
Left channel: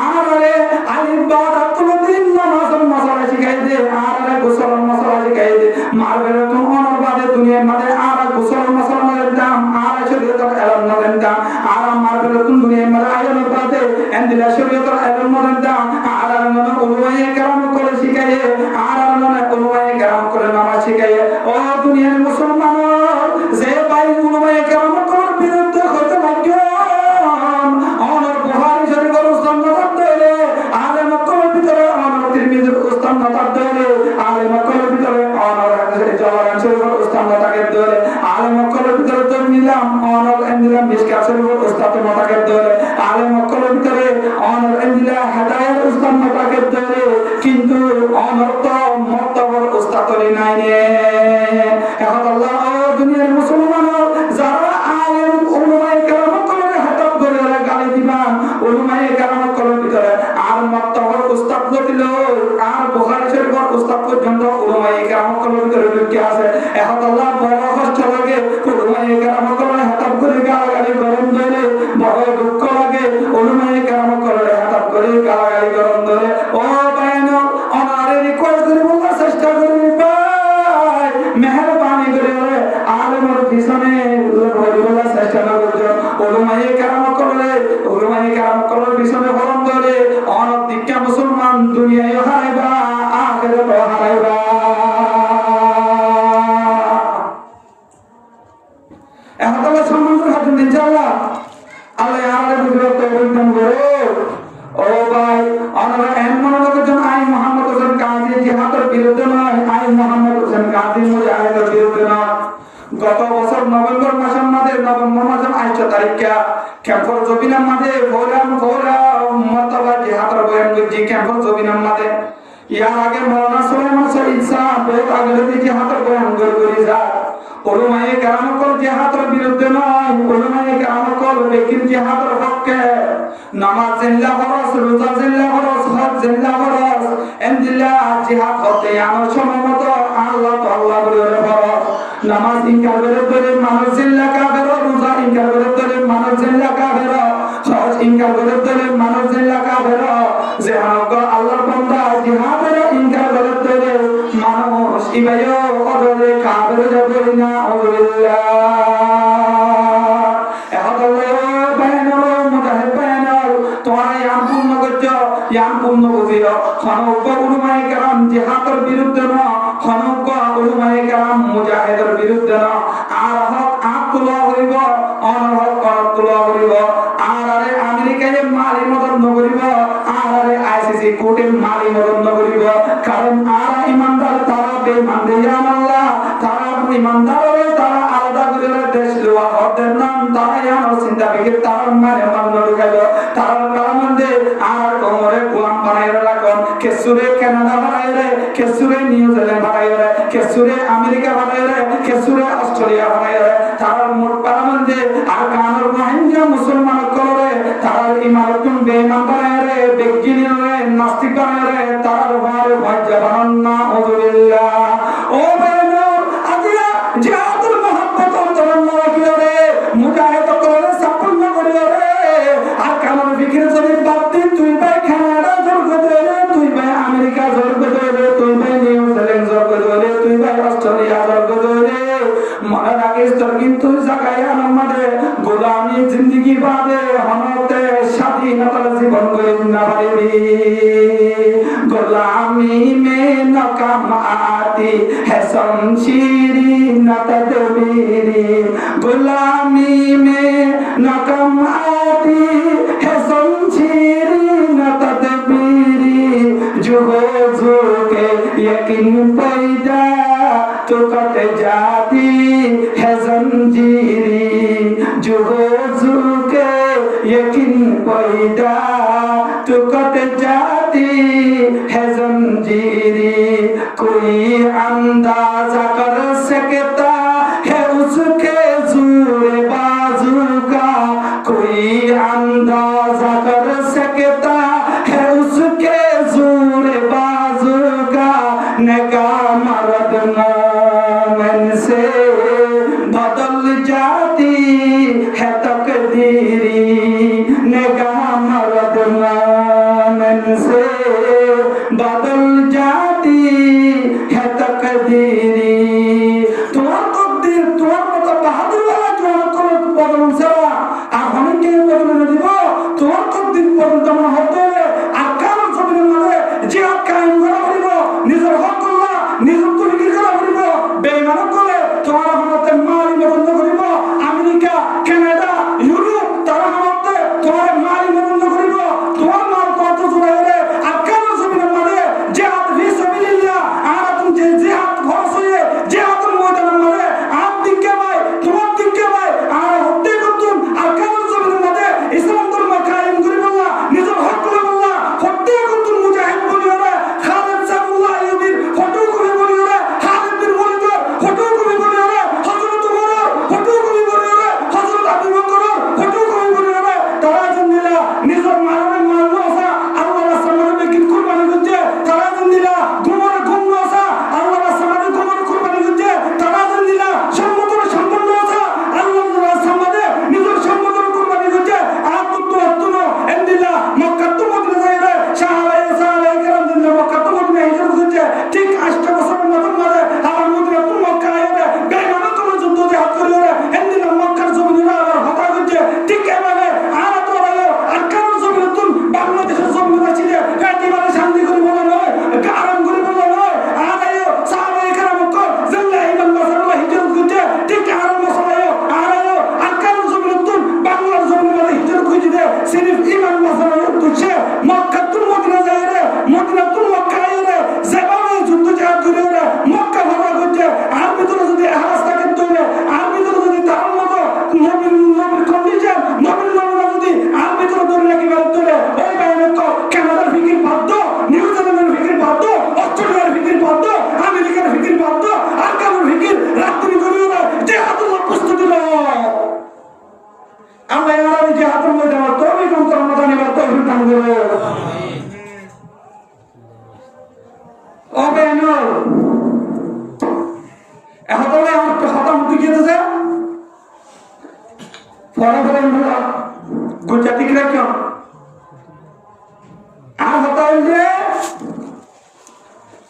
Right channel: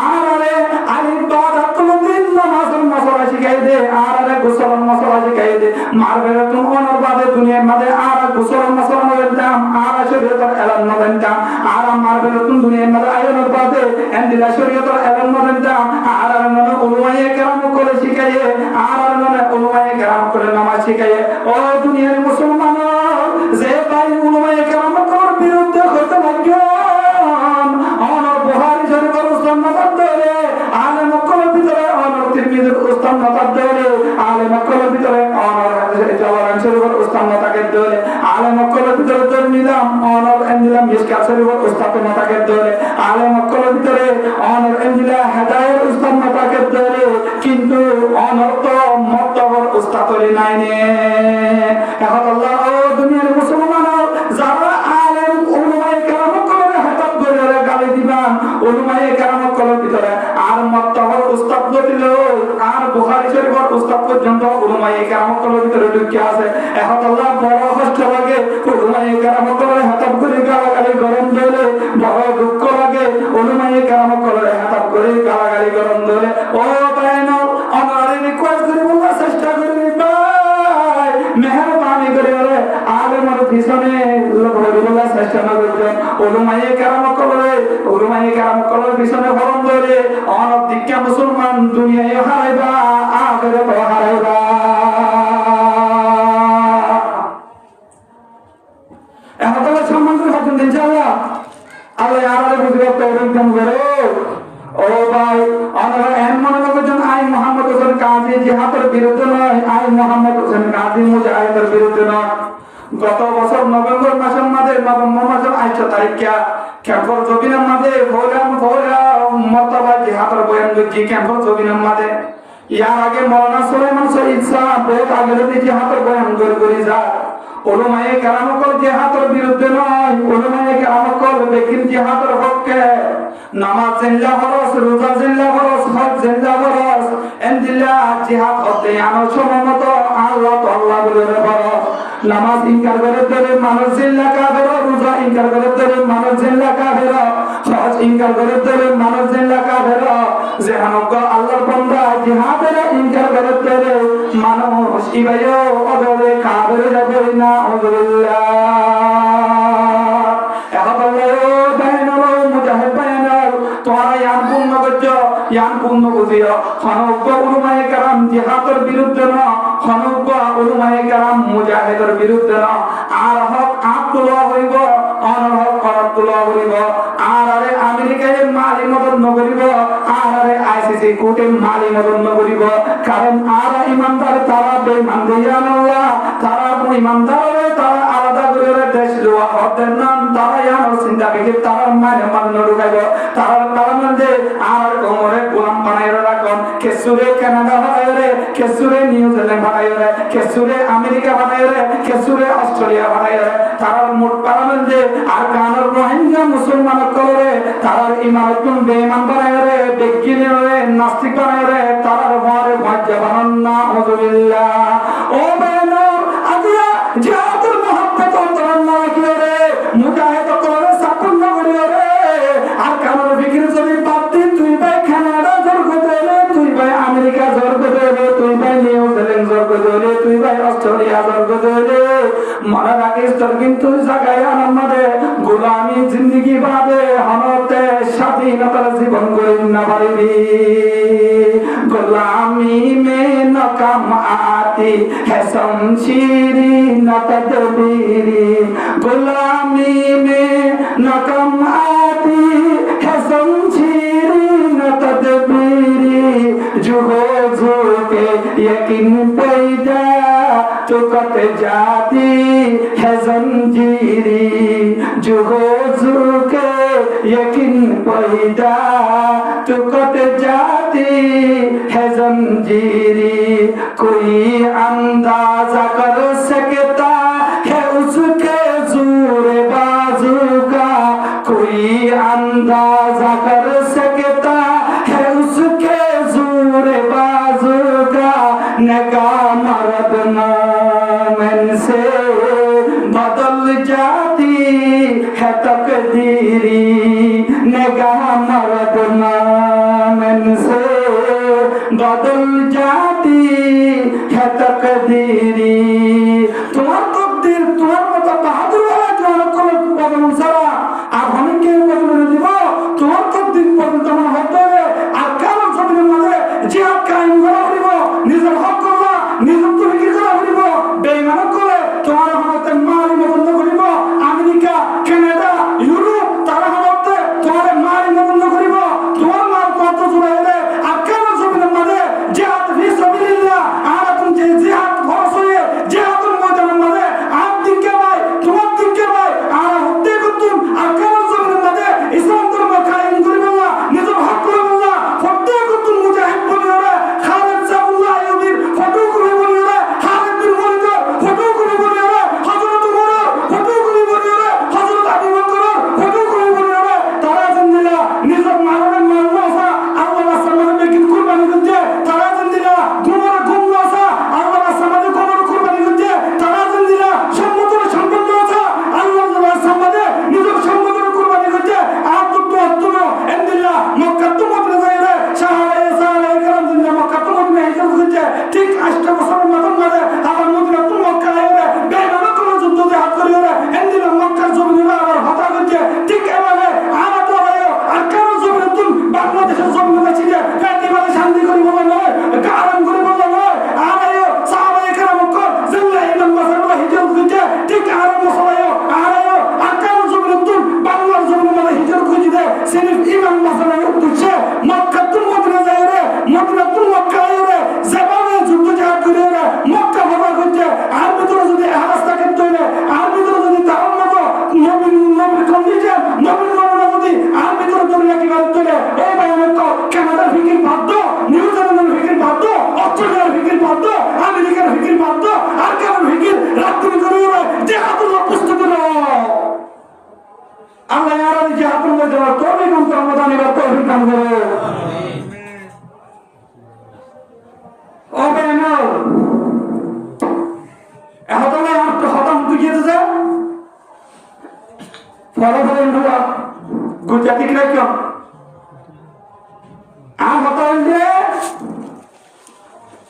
আরে আলিফ বা রাতুদ্দিন নামাজের মশলা শিখাই দে আর গোসল মশলা শিখাই দে মারবের তোমার বাদে দুনিয়ার মাঝে আর গোসল মশলা দাম আর শরীয়তের এলান দাম আর মারবের তুমি দুনিয়ার মাঝে আয়নের বাদে এন্দিরা শরীয়তের এলান দাম আর উলমায়ে কেরাম করে শিখাইয়ে আর উলমায়ে কেরাম করে নামাজ শিখাইয়ে ও দুনিয়ার মুসলমান যে ভাই উলমায়ে কেরাম করার বিরুদ্ধে হইতে ভাগ্য অনর বুখারী শরীফের উস্তাদ নজর দেলে আলে মক্কার ভিতরে অনর তিরমিজির উস্তাদ নজর দেলে আলে মক্কার ভিতরে অনর জাওয়ারান শরীফের উস্তাদ নজর দেলে আলে মক্কার ভিতরে তো নিলাম অনর এন্দিলা মিশকাত শরীফের উস্তাদ নজর দেলে আলে মক্কার ভিতরে অনর এন্দিলা হেদায়ের উস্তাদ নজর দেলে কিন্তু অনর তো মর্তবার উস্তাদ নাই নে এখন আল্লাহ ও দুনিয়ার মুসলমান যারা আলেম উলামায়ে কেরাম করে হাতাব করে গালি দিবান উলামায়ে কেরাম করে ভিতরে আর মর্তবার উস্তাদ দিল আর বুখারী শরীফের উস্তাদ পর্যন্ত উলামায়ে কেরাম করে ভিতরে ঢুকে আছে এখন আল্লাহ বড় কষ্ট লাগে উলামায়ে কেরাম করে হাতাব করে গালাগালি গরম ধরে বড় দুঃখ লাগে উলামায়ে কেরাম করে হাতাব করে গালাগালি গরম ধরে ও বাইনা অনারে রিকোয়েস্ট করে বলার চেষ্টা করি ভাই মেহেরবানি করে আলেমের পিছনে বলার চেষ্টা না করতে উলামায়ে কেরাম করে পিছনে বলন ধরে অনেক দিকটা মুসলমান দুনিয়ায় হারাইবা আখিরাতে হারাইবা এখন তো সম্মান করে হাত দিন ইনশাআল্লাহ আল্লাহ আমাদের বুঝতে তৌফিক করে ও ভাই আমরা এমন লোকজন আই মোহাম্মদ হোসেন কাজী জিহাদের বিরুদ্ধে নয় আই মোহাম্মদ হোসেন কাজী মুজাহিদের বিরুদ্ধে নয় গত বছর নভেম্বর মাসের মাঝে নভেম্বর মাসের 8 তারিখে ক্যাম্পর জবিনের মাঝে ভোরা মর্তবা জিহাদের বয়ান করছি ক্যাম্পর জবিনের মাঝে ইয়ার আগে মাওলানা সুলাইমান শহীদ সাহেব বহুত আগে যদি জিহাদের বয়ান করে যা উলামায়ে কেরাম কল জিহাদের বিরুদ্ধে নয় উলামায়ে কেরাম কল ব্যক্তির জিহাদের পক্ষে নামাজ জিল্লা ফরজ রোজা জিল্লা ফরজ হজ জিল্লা ফরজ এন্দিল্লাহ জিহাদ হতে আমার সমমত আল্লাহ তো আল্লাহ বলে ফরজ নামাজ ইনকার করে ধরে মানুষ জিল্লা কাফের রোজা ইনকার করে ধরে মানুষ জিল্লা কাফের হজ ইনকার করে ধরে মানুষ জিল্লা কাফের যে আমাকে আল্লাহর বান্দা জিহাদের ইনকার করে ধরে মানুষ ইবাইও অদলে কাফের যাবে না আল্লাহ পূর্ণ বুঝিও হনজ্ঞ উলামায়ে কেরাম জিহাদের বিরুদ্ধে না হনজ্ঞ উলামায়ে কেরাম মুজাহিদের বিরুদ্ধে না আর হক আব্দুল্লাহ হইব অনহক আব্দুল্লাহ হইব আর আরে আমেরিকায় মালি মদন নগরিব আর আরে আইসিসি কোর্টে মালি মদন নগরিব কারণ আর ইমানদার তারা বেঈমান দিয়ান আল্লাহ তারা ইমানদার তারা আলাদা করে দেশ লওয়া হতেন না তারা ইয়ার চিন্তা করে তারা মানে মান নরগাইব তারা কারণে আর কোমরে গোলাম বানাইরা রাখুন কেসুরে কানাডা বানায় রে, কেসুরে নিউজিল্যান্ড বানায় রে, কেসুরে আমেরিকা বানায় রে, কেসুরে অস্ট্রেলিয়া বানায় রে। তারা মোট পারমানন্দে আর কানুর রোহিঙ্গা মুসলমান করে তারা ইমারতুন বেঈমান বানায় রে, বেজ্ঞানী রে, নাস্তিক বানায় রে, তারা মারে ভাজ্জা বানান না। আলহামদুলিল্লাহ। ও বেনর আজিয়া জিহাদুল মুহাব্বত অন্তরন কি রে, মুজাহিদ করে সাপন্ন করে রে। আর কানুর ফিকির যদি বাদ দিন, তুই ভাই কানাডা জর্গ দেলে, তুই ভাই আমেরিকা জর্গ দেলে, তুই ভাই নিউজিল্যান্ড জর্গ দেলে, তুই ভাই অস্ট্রেলিয়া জর্গ দেলে, মনে রাখিস তোর কিন্তু জায়গায় আমাদের গোলামি জিন্দিগি বাদে হনতে স্বাধীনতার জীবন গড়ে না পারবি। গোলামি মে নকাম আতি है शमशीरी न तदबीरी, गुलामी में नकम आती है शमशीरी न तदबीरी, जो हो जो के यकीन पैदा तो कट जाती है जंजीरी, जो हो जो के यकीन पैदा तो कट जाती है जंजीरी। कोई अंदाजा कर सकता है उसके जोर बाजू का, कोई अंदाजा कर सकता है उसके जोर बाजू का। निगाह मर्द मोमिन से बदल जाती है तकदीरी, निगाह मर्द मोमिन से बदल जाती है तकदीरी। তোমার তকদির তোমার মতো বাহাদুর ওরা জোয়ান করে বদল ছাড়া আর অনেকে বদল দিব। তোমার তকদির পর্যন্ত মনে হতে আর কারণ জমিনের মাঝে জিহাদ কায়েম করা হইব, নিজের হক করবা, নিজের তরিকা করা হইব, বেঈমান করে তোমার হতে মারি বন্ধ করিব। আমেরিকা, কানাডা, ইউরোপ তারা হতে তোমার মারি বন্ধ করিব। তোমার মার কত জুড়াইলে আর কারণ জমিনের মাঝে জিহাদ ফি সাবিলিল্লাহ আর তুমি যে জিহাদ ফরজ হয়ে জিহাদের ময়দানের মাঝে আর দিকে ভাই তোমার দিকে ভাই আর হতে করতুম আর কারণ জমিনের মাঝে ইসলাম ধর্ম কায়েম করে বললা, নিজের হক করে বললা, হতে করতুম মুজাহিদ বলি ওরে, খালিদ সাবুল্লাহ আইয়ুবীর ফটো কবি বলি ওরে, খালিদ বিন ওয়ালিদ ফটো কবি বলি ওরে, হযরত উমর ফটো কবি বলি ওরে, হযরত আবু বকর ফটো কবি বলি ওরে। তারা জানিলা নিজের মারণের মারণসা আল্লাহর সামনে কি কুরবানি করতে, তারা জানিলা গুমরা গুমরাসা আল্লাহর সামনে গুমরা কুরবানি করতে, তারা জানিলা সম্মতর সম্পন্ন আছে আল্লাহর সামনে নিজের সম্মতর কুরবানি করতে। আর তুমি এন্দিলা মক্কা তো মদিনা যাইলে সাহাবায়ে সাহাবায়ে کرام জানিলা মক্কা তো মদিনা হিজরত করতে। ঠিক 8 বছরের মাঝে আমার মদিনা তো মক্কা আইলে বেঈমান কোন যুদ্ধ জিহাদ করিলে এন্দিলা মক্কার জমিনে আবার হত্যা করতে। ঠিক এভাবে আর তো আর কারণ জমিনে তুমি বাংলাদেশের জমিনে বাঁচিলে একেবারে শান্তি করে বলা নয়, আরাম করে বলা নয়। আর সাহাবায়ে کرام কর জানলা ইমাম মাসাল্লাহ হিজরত করতে। ঠিক আরাম মশলায় আর কারণ জমিনে তুমি বাংলার জমিনে হিজরত করতে। সিরিফ ইমাম মাসাল্লাহ উদ্দেশ্যে মক্কা তো মদিনা যাইলে, মদিনা তো মক্কা আইলে যেভাবে যুদ্ধ জিহাদ করিলে মক্কা হত্যা করতে। আর ভিতরে যদি ইহরাজ থাকে তৈলে, আর ভিতরে যদি তার মতো নবীর কন্ডিশন নবীর নমুনা যদি আর ভিতরে ধরে রাখি গাড়ি তোলে, ওই বাইরে কানাডার ফিকির বাধ্য, নিউজিল্যান্ডের ফিকির বাধ্য, অস্ট্রেলিয়ার ফিকির বাধ্য, আমেরিকার ফিকির বাধ্য, আর কারোর ফিকির রাত্রি করে ওরা জিহাদুল্লাহ প্রস্তুতি নাও। আমরা আর জিহাদুল ময়দানে তৌফিক রমাদান এবার তৌফিক দান করে। ও বেনর এহতলে আমার খতম দিয়েছে ফলাফল গুজরাটি রাখো আর হতাইল যে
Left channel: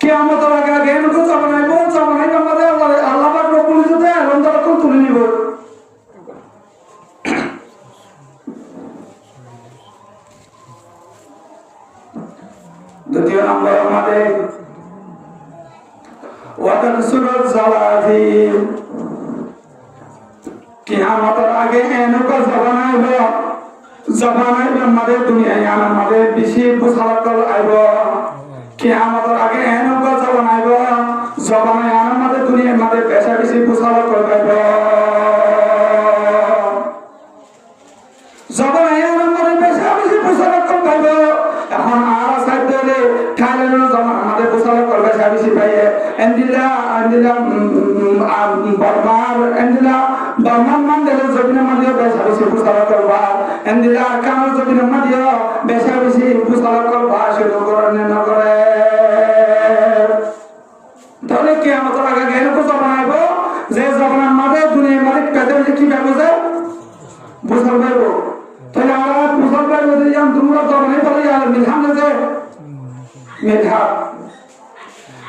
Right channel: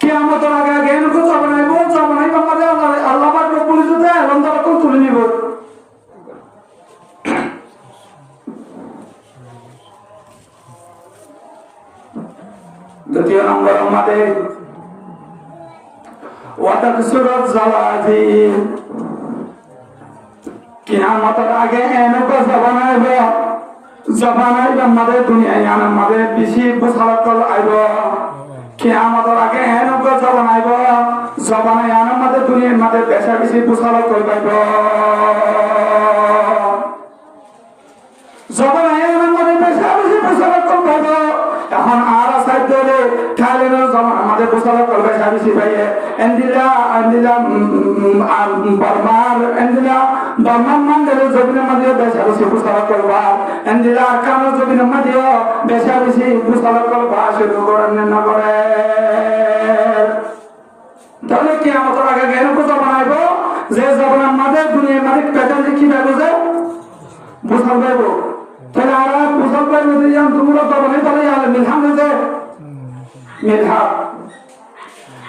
কিয়ামতের আগে জ্ঞান কো জানাইবো আমাদের আল্লাহ পাক রব্বুল ইজ্জতে লন্ডা কোন তুলে নিব। দ্বিতীয় নম্বর আমাদের ওয়াতাকসুরুজ জালাজিল, কিয়ামতের আগে এনেকা জবান আইব, জবান আইব আমাদের দুনিয়ায় আমাদের বেশি বুঝারকল আইব। কিয়ামতের আগে এনেকা জবান আইব, জবানে আমাদের দুনিয়ার আমাদের পেশা বেশি বুঝারকল আইব। জবানে আমাদের পেশা বেশি বুঝারকল আইব। এখন আর সাইড ধরে খালি সিপাহী এন্দিলা বর্মার মন্দিরে জমিনে মাঝে বেশা বেশি ফুসালা করবা এন্দিলা কানো জমিনে মাঝে বেশা বেশি ফুসালা করবা শুরু করেন না করে তাহলে কি আমাদের আগে জ্ঞান কোথা বানাবো যে জবানের মাঝে দুনিয়ার মাঝে পেতে কি ব্যবসা বুঝাল পাইবো তাহলে আমরা বুঝাল পাইবো যে তোমরা জবানে বলে মিলহান যে মিলহান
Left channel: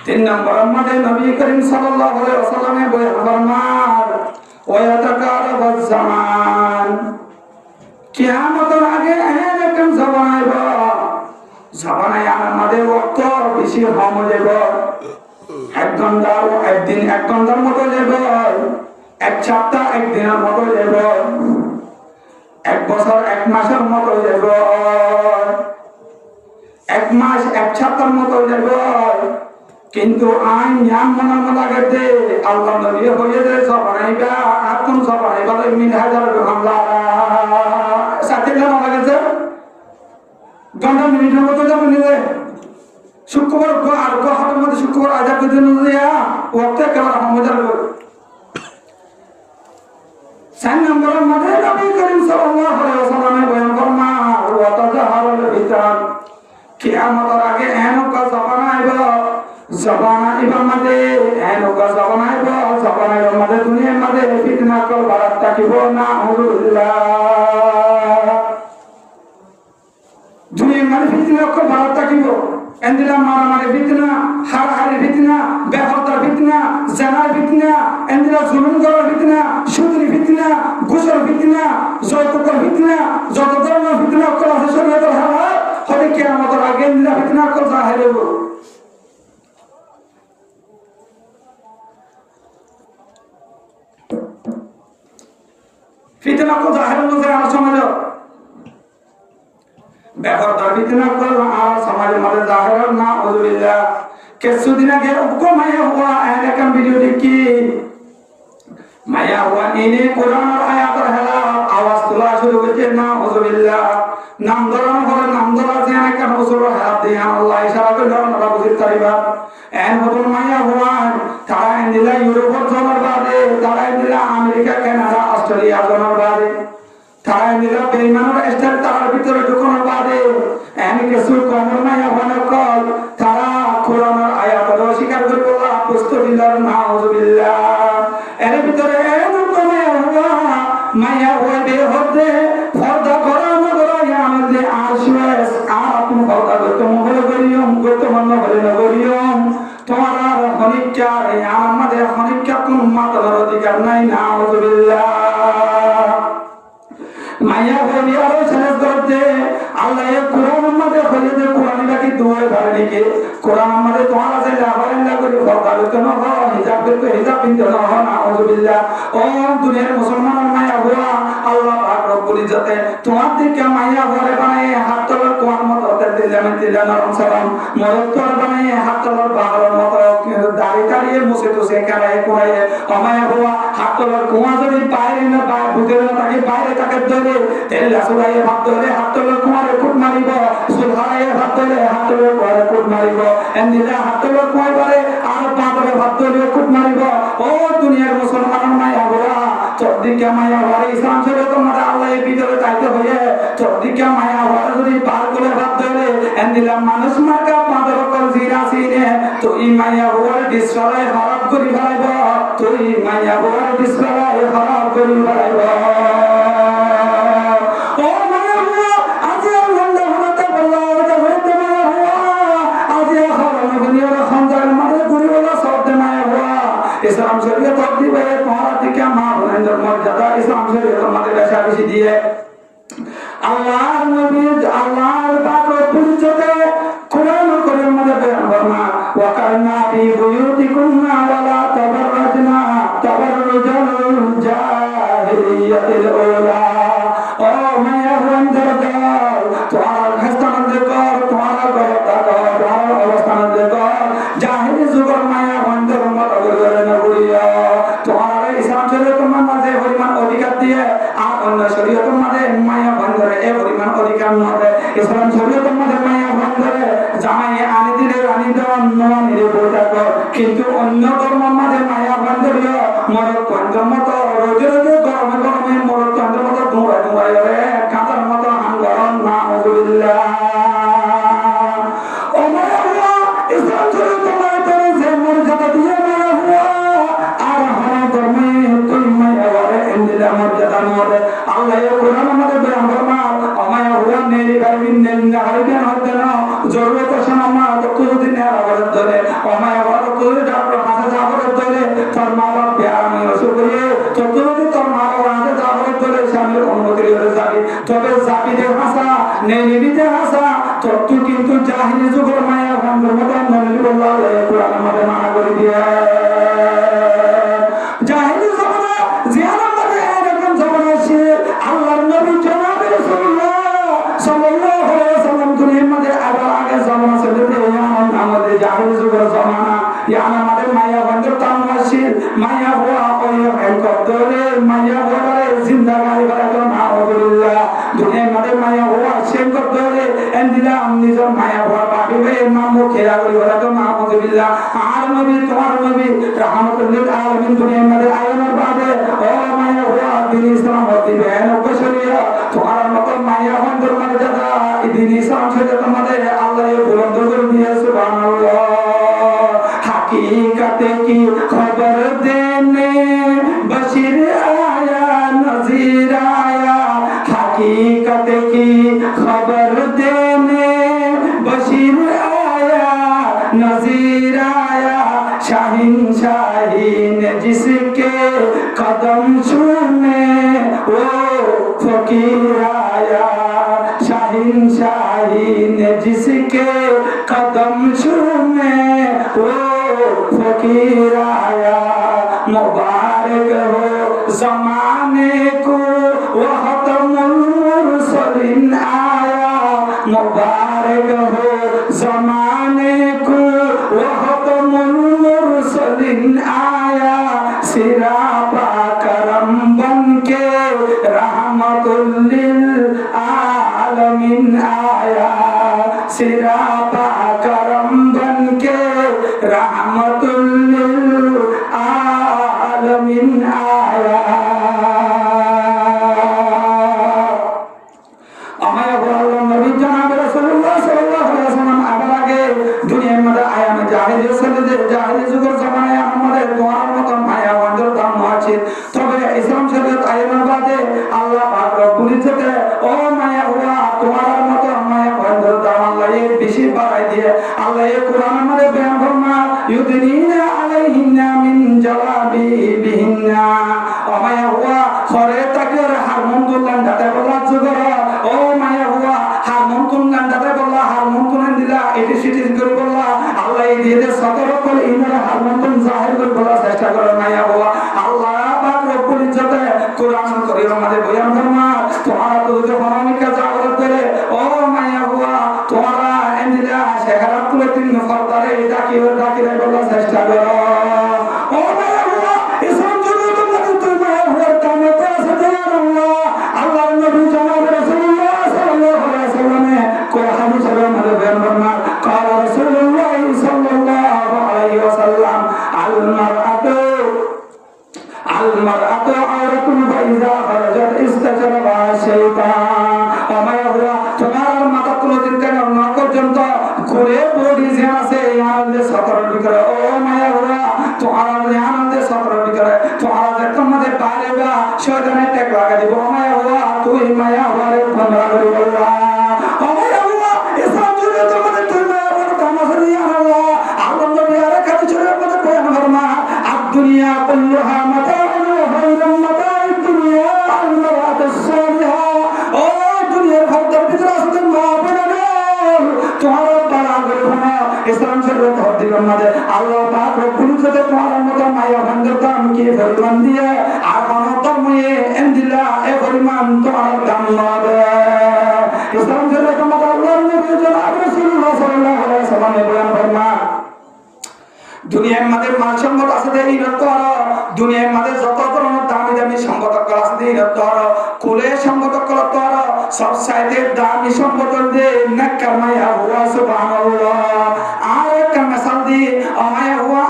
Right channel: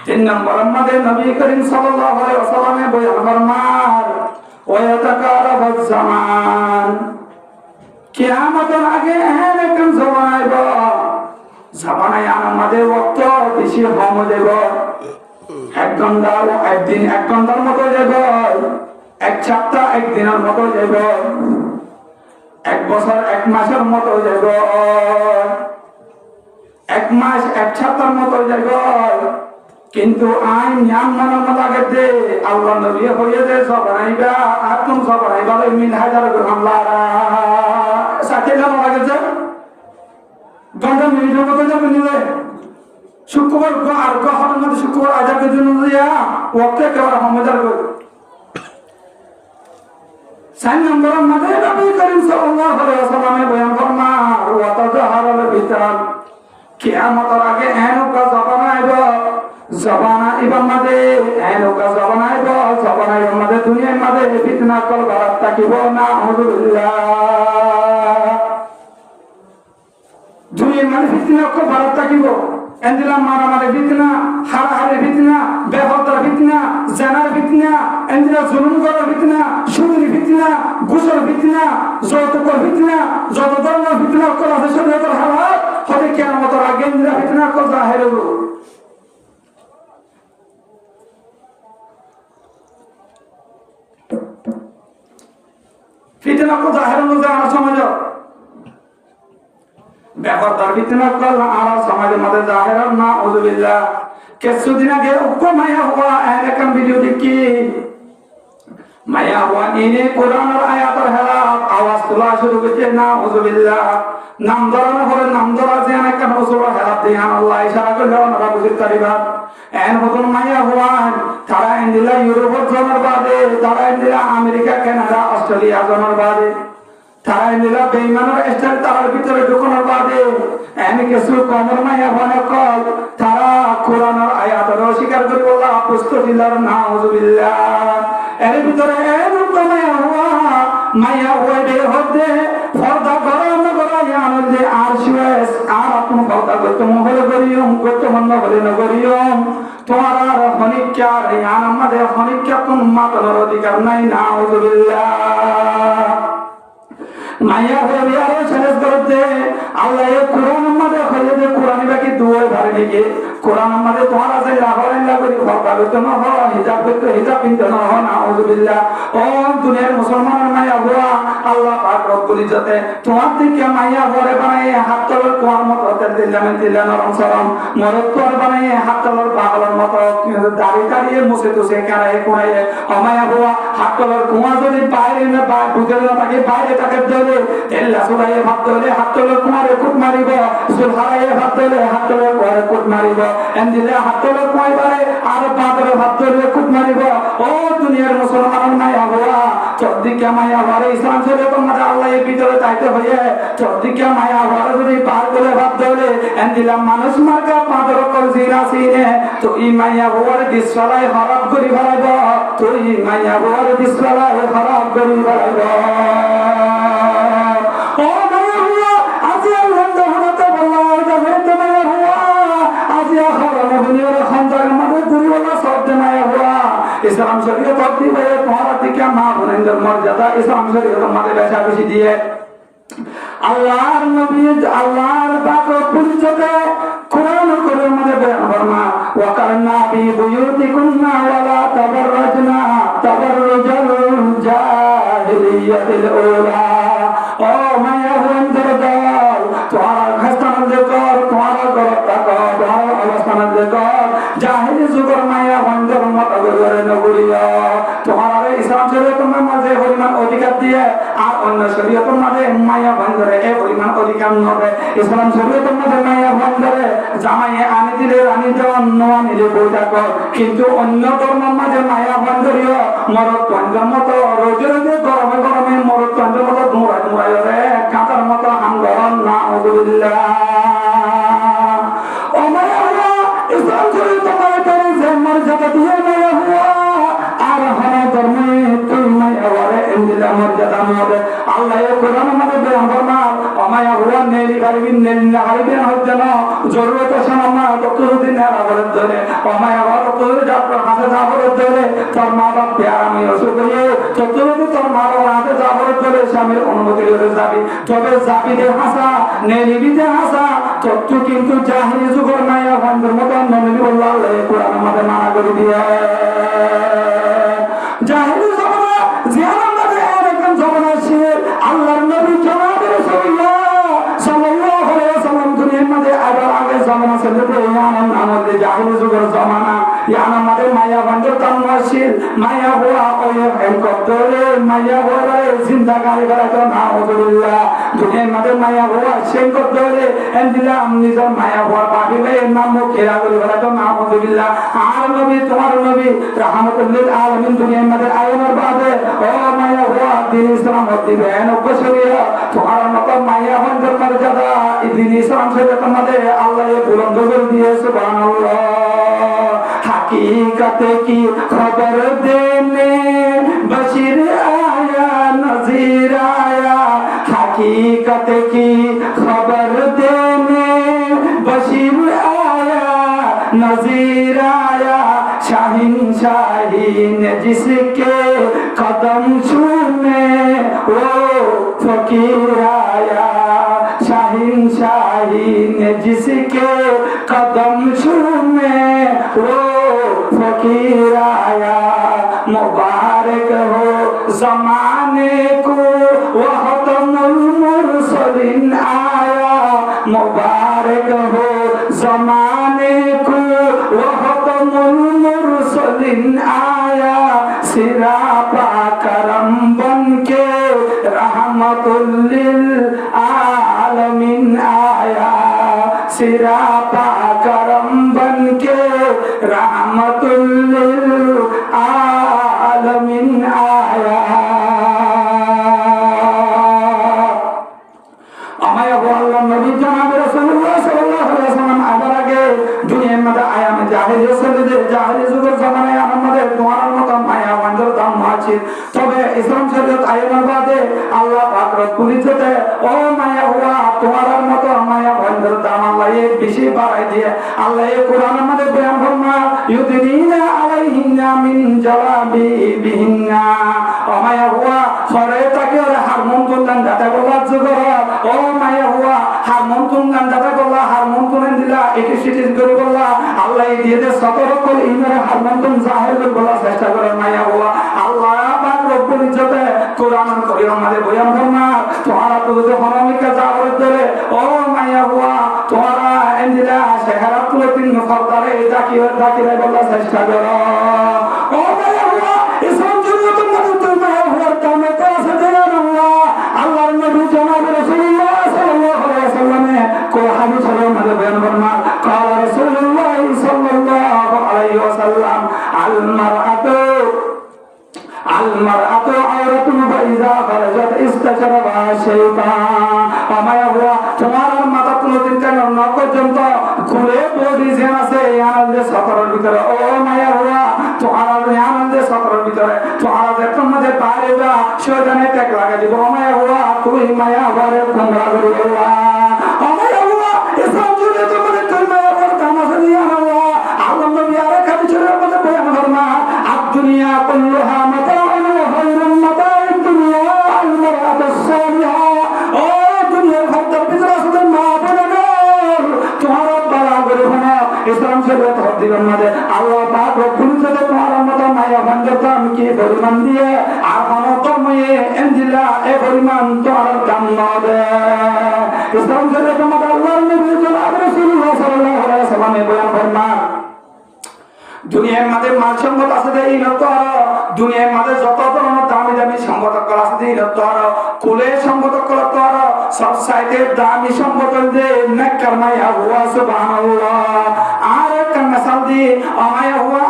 3 নম্বর আমাদের নবী করিম সাল্লাল্লাহু আলাইহি ওয়াসাল্লামের বয়ান ফরমান ওয়াতাকারাবাজ জামান কিয়ামতের আগে এরকম জবান আইব জবানে আমাদের ওয়াক্ত বেশি কম হয়ে যাব 1 ঘন্টা একদিন 1 ঘন্টার মতো যাব 1 সপ্তাহ 1 দিনের মতো যাব 1 বছর 1 মাসের মতো যাব 1 মাস 1 সপ্তাহের মতো যাব কিন্তু আইন নিয়ম মানা লাগে দে আল্লাহ নবী হয়ে দে সব বানাইবা আর তুমি সব বানাইবা মিন হাজার হামলা সাথে না লাগে যে ঘন্টা মিনিটের মতো যাব নিলে শুক্রবার আর গহরের মধ্যে শুক্রবার আজাদ করে দিন দিয়া ওয়াক্তে কেবল হামজার করে 4 নম্বরের মধ্যে নবী করিম সাল্লাল্লাহু আলাইহি ওয়াসাল্লামের বয়ান ফরমান ওয়া তাজাহারুল বিতান কিয়ামতের আগে এনকা জবান আইব জবানা ইবা মাদে এনকা জবানা আইব জবানা ইবা মাদে দুনিয়ার মাদে ফিতনা কল বারাত তাকিব না হুজুল্লাহ দুনিয়ার মাদে ফিতনা কল বারাত তাকিব এন্দিলা মারামারি ফিতনা হারাহারি ফিতনা বেহতার ফিতনা জানার ফিতনা এন্দিলা জুলুম করার ফিতনা সুদের ফিতনা ঘুষের ফিতনা যৌতুকের ফিতনা যত ধরনের ফিতনা করা আছে শরীয়তের হালাত হবে কিয়ামতের আগে এন্দিলা ফিতনা কল জাহির হইব ফিতনা কল জাহির হইব জানার সমাজ বেহতার ফিতনা কল আমার সমাজের মধ্যে জাহির না উযুবিল্লাহ কিছুদিন আগে মায়া হওয়া এরকম ভিডিও দেখি মায়া হওয়া ইনি কোরআনের আয়াতের হেলা আওয়াজ তোলা শুরু করেছে না উযুবিল্লাহ নাম ধরানো হলে নাম ধরা যে এরকম হুজুর হেলা দিয়ে আল্লাহ ইশারা করে আমরা বুঝতে পারিবা এর মতন মায়া হওয়া তারা ইন্ডিয়া ইউরোপের জনের বাদে তারা ইন্ডিয়া আমেরিকা কানাডা অস্ট্রেলিয়া জনের বাদে তারা ইন্ডিয়া বেইমানের স্টাইল তার ভিতরে ঢুকানোর বাদে এনে কিছু কমর মায়া হওয়া কল তারা কোরআনের আয়াতের অস্বীকার করে বলা পুস্তকিলার নাউযুবিল্লাহ এর ভিতরে এরকম মায়া হওয়া বের হতে পর্দা করানো করাইয়া আমাদের আশওয়াস আর আপনি পর্দা করতে মহল করিয়ম করতে মন করে না করিয়ম তোমার আর হনিকা আমাদের হনিকা কোন মাতার অধিকার নাই নাউযুবিল্লাহ মায়া হয়ে আরো শেষ করতে আল্লাহ এই কোরআন আমাদের হয়ে যে কোরআন বাকি দুয়ে ভালো লিখে কোরআন আমাদের তোমার আছে লাভারিল্লাহ করি ফরকা করতে না হয় হিজাব করতে হিজাব পিনতে না হয় নাউযুবিল্লাহ ও দুনিয়ার মুসলমানের মায়া হওয়া আল্লাহ পাক রব্বুল ইজ্জতে তোমার দিকে মায়া হরে বানায় হাত তলার কোরআন মত হতে দিলাম নরম সালাম মরদ তোর বানায় হাত তলার পাগলের মত দাড়ি দাঁড়িয়ে মুছে তুছে কারায় কোরাইয়ে অমায়া হওয়া হাত তলার কুয়া যদি বাইরে না ঢুকে না তাকে বাইরে তাকে ধরে তেল সুরাইয়ে ভাত ধরে হাত তলার কুমারে কুট মারিব সুলহারাইয়ে ভাত ধরে হাত তলার কুয়ারে কুট মারিব এন্দিলে হাত তলার কুয়াই পারে আর পা ধরে ভাত ধরে কুট মারিব ও দুনিয়ার মুসলমান মায়া হওয়া চর্দিকা মায়া হওয়ার ইসলাম ছেড়ে তোমার আল্লাহ এই ভিতরে চাইতে হয়ে চর্দিকা মায়া হওয়ার যদি পার করে ভাত ধরে এন্দিলাম মানুষ মার্কা পা ধরে কল জিরা সিনে তো ই মায়া হওয়ার ডিসফালাই খারাপ করি ফেলাইব তো ই মায়া হওয়ার ডিসফালাই খারাপ করি ফেলাইব ও মায়া হওয়া আজি আল্লাহ হতে বললা ওটা হতে মায়া হওয়া আজি আখাবানো দুনিয়ার খঞ্জার মধ্যে গুরুওয়ালা শব্দ মায়া হওয়া ইসলাম শরীয়ত অব্দি বলে তোমার দিকে মা বোনের মর্যাদা ইসলাম শরীয়ত আমাদের বেশা বেশি দিয়ে আল্লাহর নবী আল্লাহর পাক রব্বুল ইজ্জতে কোরআন করিমের মধ্যে বয়ান ফরমা ওয়া কান্না ফি বুয়ুতিকুন্না ওয়ালা তাবাররাজনা তাবাররুজাল জাহিলিয়াতিল উলা ও মায়া বন্ধুর দল তোমার অবস্থান দেখো তোমার অবস্থান দেখো জাহিলি যুগের মায়া বন্ধুর মত করে নগরিয়া তোমার ইসলাম শরীয়ত মাঝে পরিমাণ অধিকার দিয়ে আর অন্য শরীয়তের মাঝে মায়া বন্ধরে এ পরিমাণ অধিকার নয় ইসলাম শরীয়তের মাঝে মায়া বন্ধরে কিন্তু অন্য ধর্মের মাঝে মায়া বান্ধবীয় মরদ তন্ত্রের মতো রোজে রোজে গরমে গরমে মরদ তন্ত্রের মতো দৌড়ায় দৌড়ায় রে কাঁচার মতো আন্দোলন না হজুরিল্লাহ ও মায়া হুয়া ইসলাম শরীফ তোমায় করে যে মর্যাদা দিয়ে মায়া হুয়া আর হনে ধর্মে তুই মায়া হওয়ারে এন্দিলা মর্যাদা মরে আল্লাহ কোরআন আমাদের বয়ান ফরমান ও মায়া হুয়া নেই কারিবিন নেন্দা কারিবিন হচ্ছে না জরুরত সময় ততদিন এরা বলে ধরে ও মায়া হুয়া ততদিন ডাক্তার হাতে যাবলে ধরে তোর মা বাপ আমি অসুখে ততদিন তোর মা বাবা হাতে যাবলে ধরে স্বামীর অনুমতি হয়ে যাবি তবে যাবি দে হাসা নেই দে হাসা তত্ত্ব কিন্তু জাহিরি যুগের মায়া বন্ধুর মতো নবী বললাহ কোরআন আমাদের মানা করে দিয়ে জাহিরি জমানা জিয়ার মধ্যে এরকম জমানা ছিল আল্লাহর নবী জনাব রাসূলুল্লাহ সাল্লাল্লাহু আলাইহি ওয়াসাল্লাম দুনিয়ার মধ্যে আবার আগে জমানা ছিল যে আমাদের জাহিরি যুগের জমানা ইয়ান আমাদের মায়া বন্ধুর তামওয়াসিল মায়া হুয়া ওই কদরে মায়া হুয়া জিন্দাগানি বারাকাত নাউযুবিল্লাহ দুনিয়ার মধ্যে মায়া হুয়া সেই কদরে এন্দিলাম নিজের মায়া হুয়া পাবিবে নাম খেয়া করি বারাকাত নাউযুবিল্লাহ আর নবী তোমার নবী রাহমাতুল লিল আলামিন দুনিয়ার মধ্যে আয়ানোর বাদে ও মায়া হুয়া দিন ইসলাম হতে বেন বশরিয়া তোমার মত মায়া বন্ধুর মর্যাদা দিন ইসলাম শরীয়ত মধ্যে আল্লাহ বুলন্দ করে দিয়ে সুবহানাল্লাহ हकीकत की खबर देने बशीर आया नजीर आया हकीकत की खबर देने बशीर आया नजीर आया शाहीन शाहीन जिसके कदम छूने वो फकीर आया शाहीन शाहीन जिसके कदम छूने वो फकीर आया मुबारक हो जमाने को वह तमुल मुरसलिन आया मुबारक हो जमाने को वह तमुल मुरसलिन आया सिरा करम बन के रहमतुल लिल आलमीन आया सिरा करम बन के रहमतुल लिल आलमीन आया আমায় আল্লাহ নবী জনাব রাসূলুল্লাহ সাল্লাল্লাহু আলাইহি ওয়াসাল্লাম আবার আগে দুনিয়ার মধ্যে আয়ামে জাহিলিয়ত চলতে জাহিলিয়ত যুগের জামানায় আমাদের তোমার মত মায়া বন্ধুর দাম আছে তবে ইসলাম শরীয়ত আয়ামের বাদে আল্লাহ পাক রব্বুল ইজ্জতে ও মায়া হুয়া তোমার মত মায়া বন্ধুর দাম আল্লাহ বেশি বাড়াই দিয়ে আল্লাহ কোরআনের মধ্যে বয়ান ফরমান ইউদিনা আলাইহিন্না মিন জালাবিবিহিন্না ও মায়া হুয়া সরে তাকে হারমোন তুললেন দাতা বলার যুগর ও মায়া হুয়া হারমোন তুললেন দাতা বললা হারমোন তুলেন দিলা এটি সিটি করে বললা আল্লাহ দিয়ে দে সতর্ক করে ইমানে হারমোন তুল জাহির করে বলার চেষ্টা করে মায়া হুয়া আল্লাহ পাক রব্বুল ইজ্জতে কোরআন করিম আমাদের বয়ান ফরমান তোমারা তো হরমিকা জাগরে ধরে ও মায়া হুয়া তোমারা এন্দিলা শেখারাত তুলে তিন ফরদারে ডাকিরে বলার চেষ্টা করো ও মায়া হুয়া ইসলাম শরীয়ত মধ্যে তুই মায়া হুয়ার কামে তো আছে জানাল্লাহ আল্লাহর নবী জনাব রাসূলুল্লাহ সাল্লাল্লাহু আলাইহি ওয়াসাল্লাম কোরআন শরীফের মধ্যে বয়ান ফরমান قال رسول الله صلى الله عليه وسلم المرأة عورة فإذا خرجت استشربها الشيطان আমায় হুয়া তোমার মাথা কোনো চিন্তা না পর্যন্ত ঘুরে বডি যেন আছে আনন্দে সতর ভিতরে ও মায়া হুয়া তোমার আনন্দে সতর ভিতরে তোমার যখন মধ্যে পারেবা শয়তানে টেক লাগাই দিব মায়া হুয়া তুই মায়া হুয়ারে বন্ধ করে বললা মায়া হুয়া ইসলাম জুড়ে তোমাদের তুই মায়া হুয়ার কামাসরি আল্লাহ আল্লাহ নবী আরে কাছে ছেড়ে কথা বয়ান ফরমা আদ দুনিয়া কুল্লুহা মাতা ইসলাম শরীয়ত হদির মধ্যে আল্লাহ পাক রব্বুল ইজ্জতে তোমার মত মায়া বন্ধুর দাম কি পরিমাণ দিয়ে আর কোন তুমি এন্দিলা এ পরিমাণ তোমার দাম নবে ইসলাম শরীয়ত মধ্যে আল্লাহর নবী জনাব রাসূলুল্লাহ সাল্লাল্লাহু আলাইহি ওয়াসাল্লাম বয়ান ফরমান দুনিয়ার মধ্যে মাল সম্পদ আছে দেই রত আর দুনিয়ার মধ্যে যত ধরনের দামি দামি সম্পদ আছে দেই রত আর কুলে সম্পদ করত আর সব সাইতে দামি সম্পদ দে নাকার মায়া হুয়া সুবহানাল্লাহ আর কামাসাল দি আমায়া হুয়া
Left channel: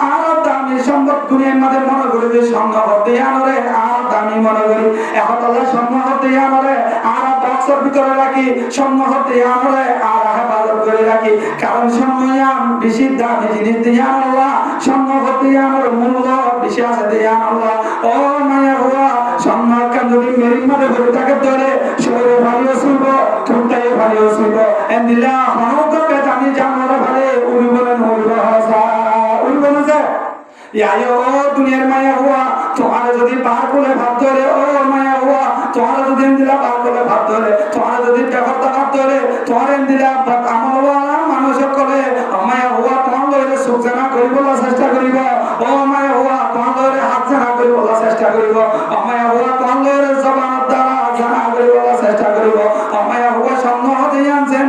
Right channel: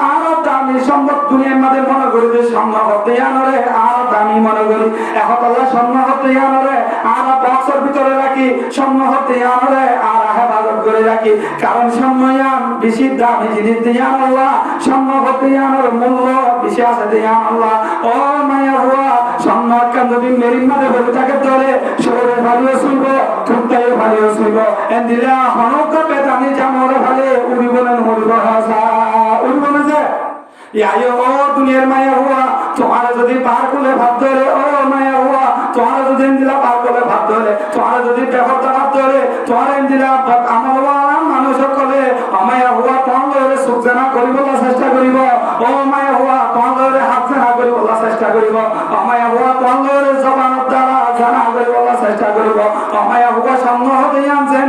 দুনিয়ার মাঝে মনে করি যে স্বর্ণ হতে আনরে আর দামি মনে করি এখন আল্লাহ স্বর্ণ হতে আনরে আর বক্সের ভিতরে রাখি স্বর্ণ হতে আনরে আর হেফাজত করে রাখি কারণ স্বর্ণয়াম বেশি দামি জিনিস দিয়ে আল্লাহ স্বর্ণ হতে আনরে মূল্য বেশি আছে দিয়ে আল্লাহ ও মায়া হুয়া স্বর্ণ একটা যদি মেরির মাঝে হয়ে থাকে ধরে শরীরে ভালিও শুইব খুঁটাইও ভালিও শুইব এন দিলে হনক বেদানি জানোরা ভালে উড়ি বলেন উড়িব হাসা উড়ি বলে যে ইয়ায়ো ও দুনিয়ার মায়া হুয়া তোমার যদি পার করে ভাত ধরে ও মায়া হুয়া তোমার যদি দিলা পার করে ভাত ধরে তোমার যদি ব্যবহারটা ভাত ধরে তোমার দিলা আমার মানুষ সকলে মায়া হুয়া তোমার সুখ জানা করিব চেষ্টা করিব ও মায়া হুয়া তোমার হাত জানা করিব চেষ্টা করিব মায়া হুয়া তোমার জবানের দ্বারা জানা করিব চেষ্টা করিব মায়া হুয়া স্বর্ণ হতে আনছেন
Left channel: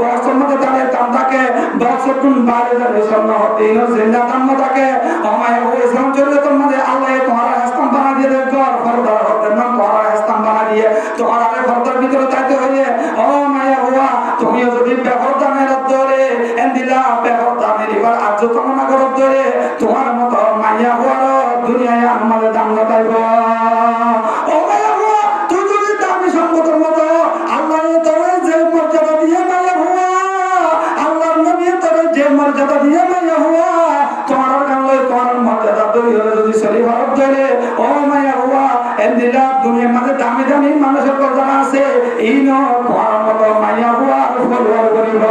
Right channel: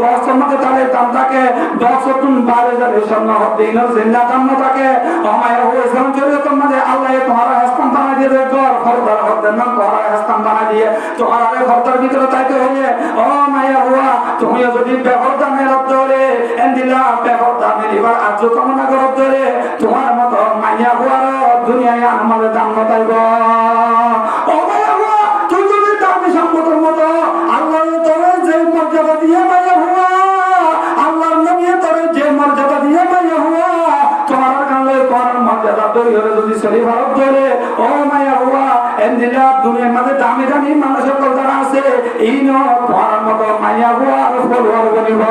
বছর মধ্যে তাদের দাম থাকে 10 গুণ 12,000 স্বর্ণ হতে জিন্দা দাম থাকে মায়া হুয়া ইসলাম শরীয়তের মধ্যে আল্লাহ তোমার হাসতাম বানা দিয়ে দেয় ঘর ফরদার হতে না তোমার হাসতাম বানা দিয়ে তোমার আরে ফরদার ভিতরে তাইতে হইলে ও মায়া হুয়া তুমিও যদি ব্যবহার ধরে এন্দিলা ব্যবহার নিবার আজ কামনা করো ধরে তোমার মতো মায়া হুয়ার দুনিয়ায় আমাদের দাম বাতাইব ও মায়া হুয়া তুই যদি দামি সম্পদের মতো আল্লাহ তোর যে মর্যাদা দিয়ে মায়া হুয়া আল্লাহর নবী তোর যে মর্যাদা দিয়ে মায়া হুয়া তোমার কাছে কোন মর্যাদা তৈরি হলে যদি শরীর ভারত ধরে ও মায়া হুয়া এন্দিলা দুনিয়ার মধ্যে দামি দামি মানুষের কথা আছে এই ন তোমার মতো মায়া হুয়া ফলোয়ার করিব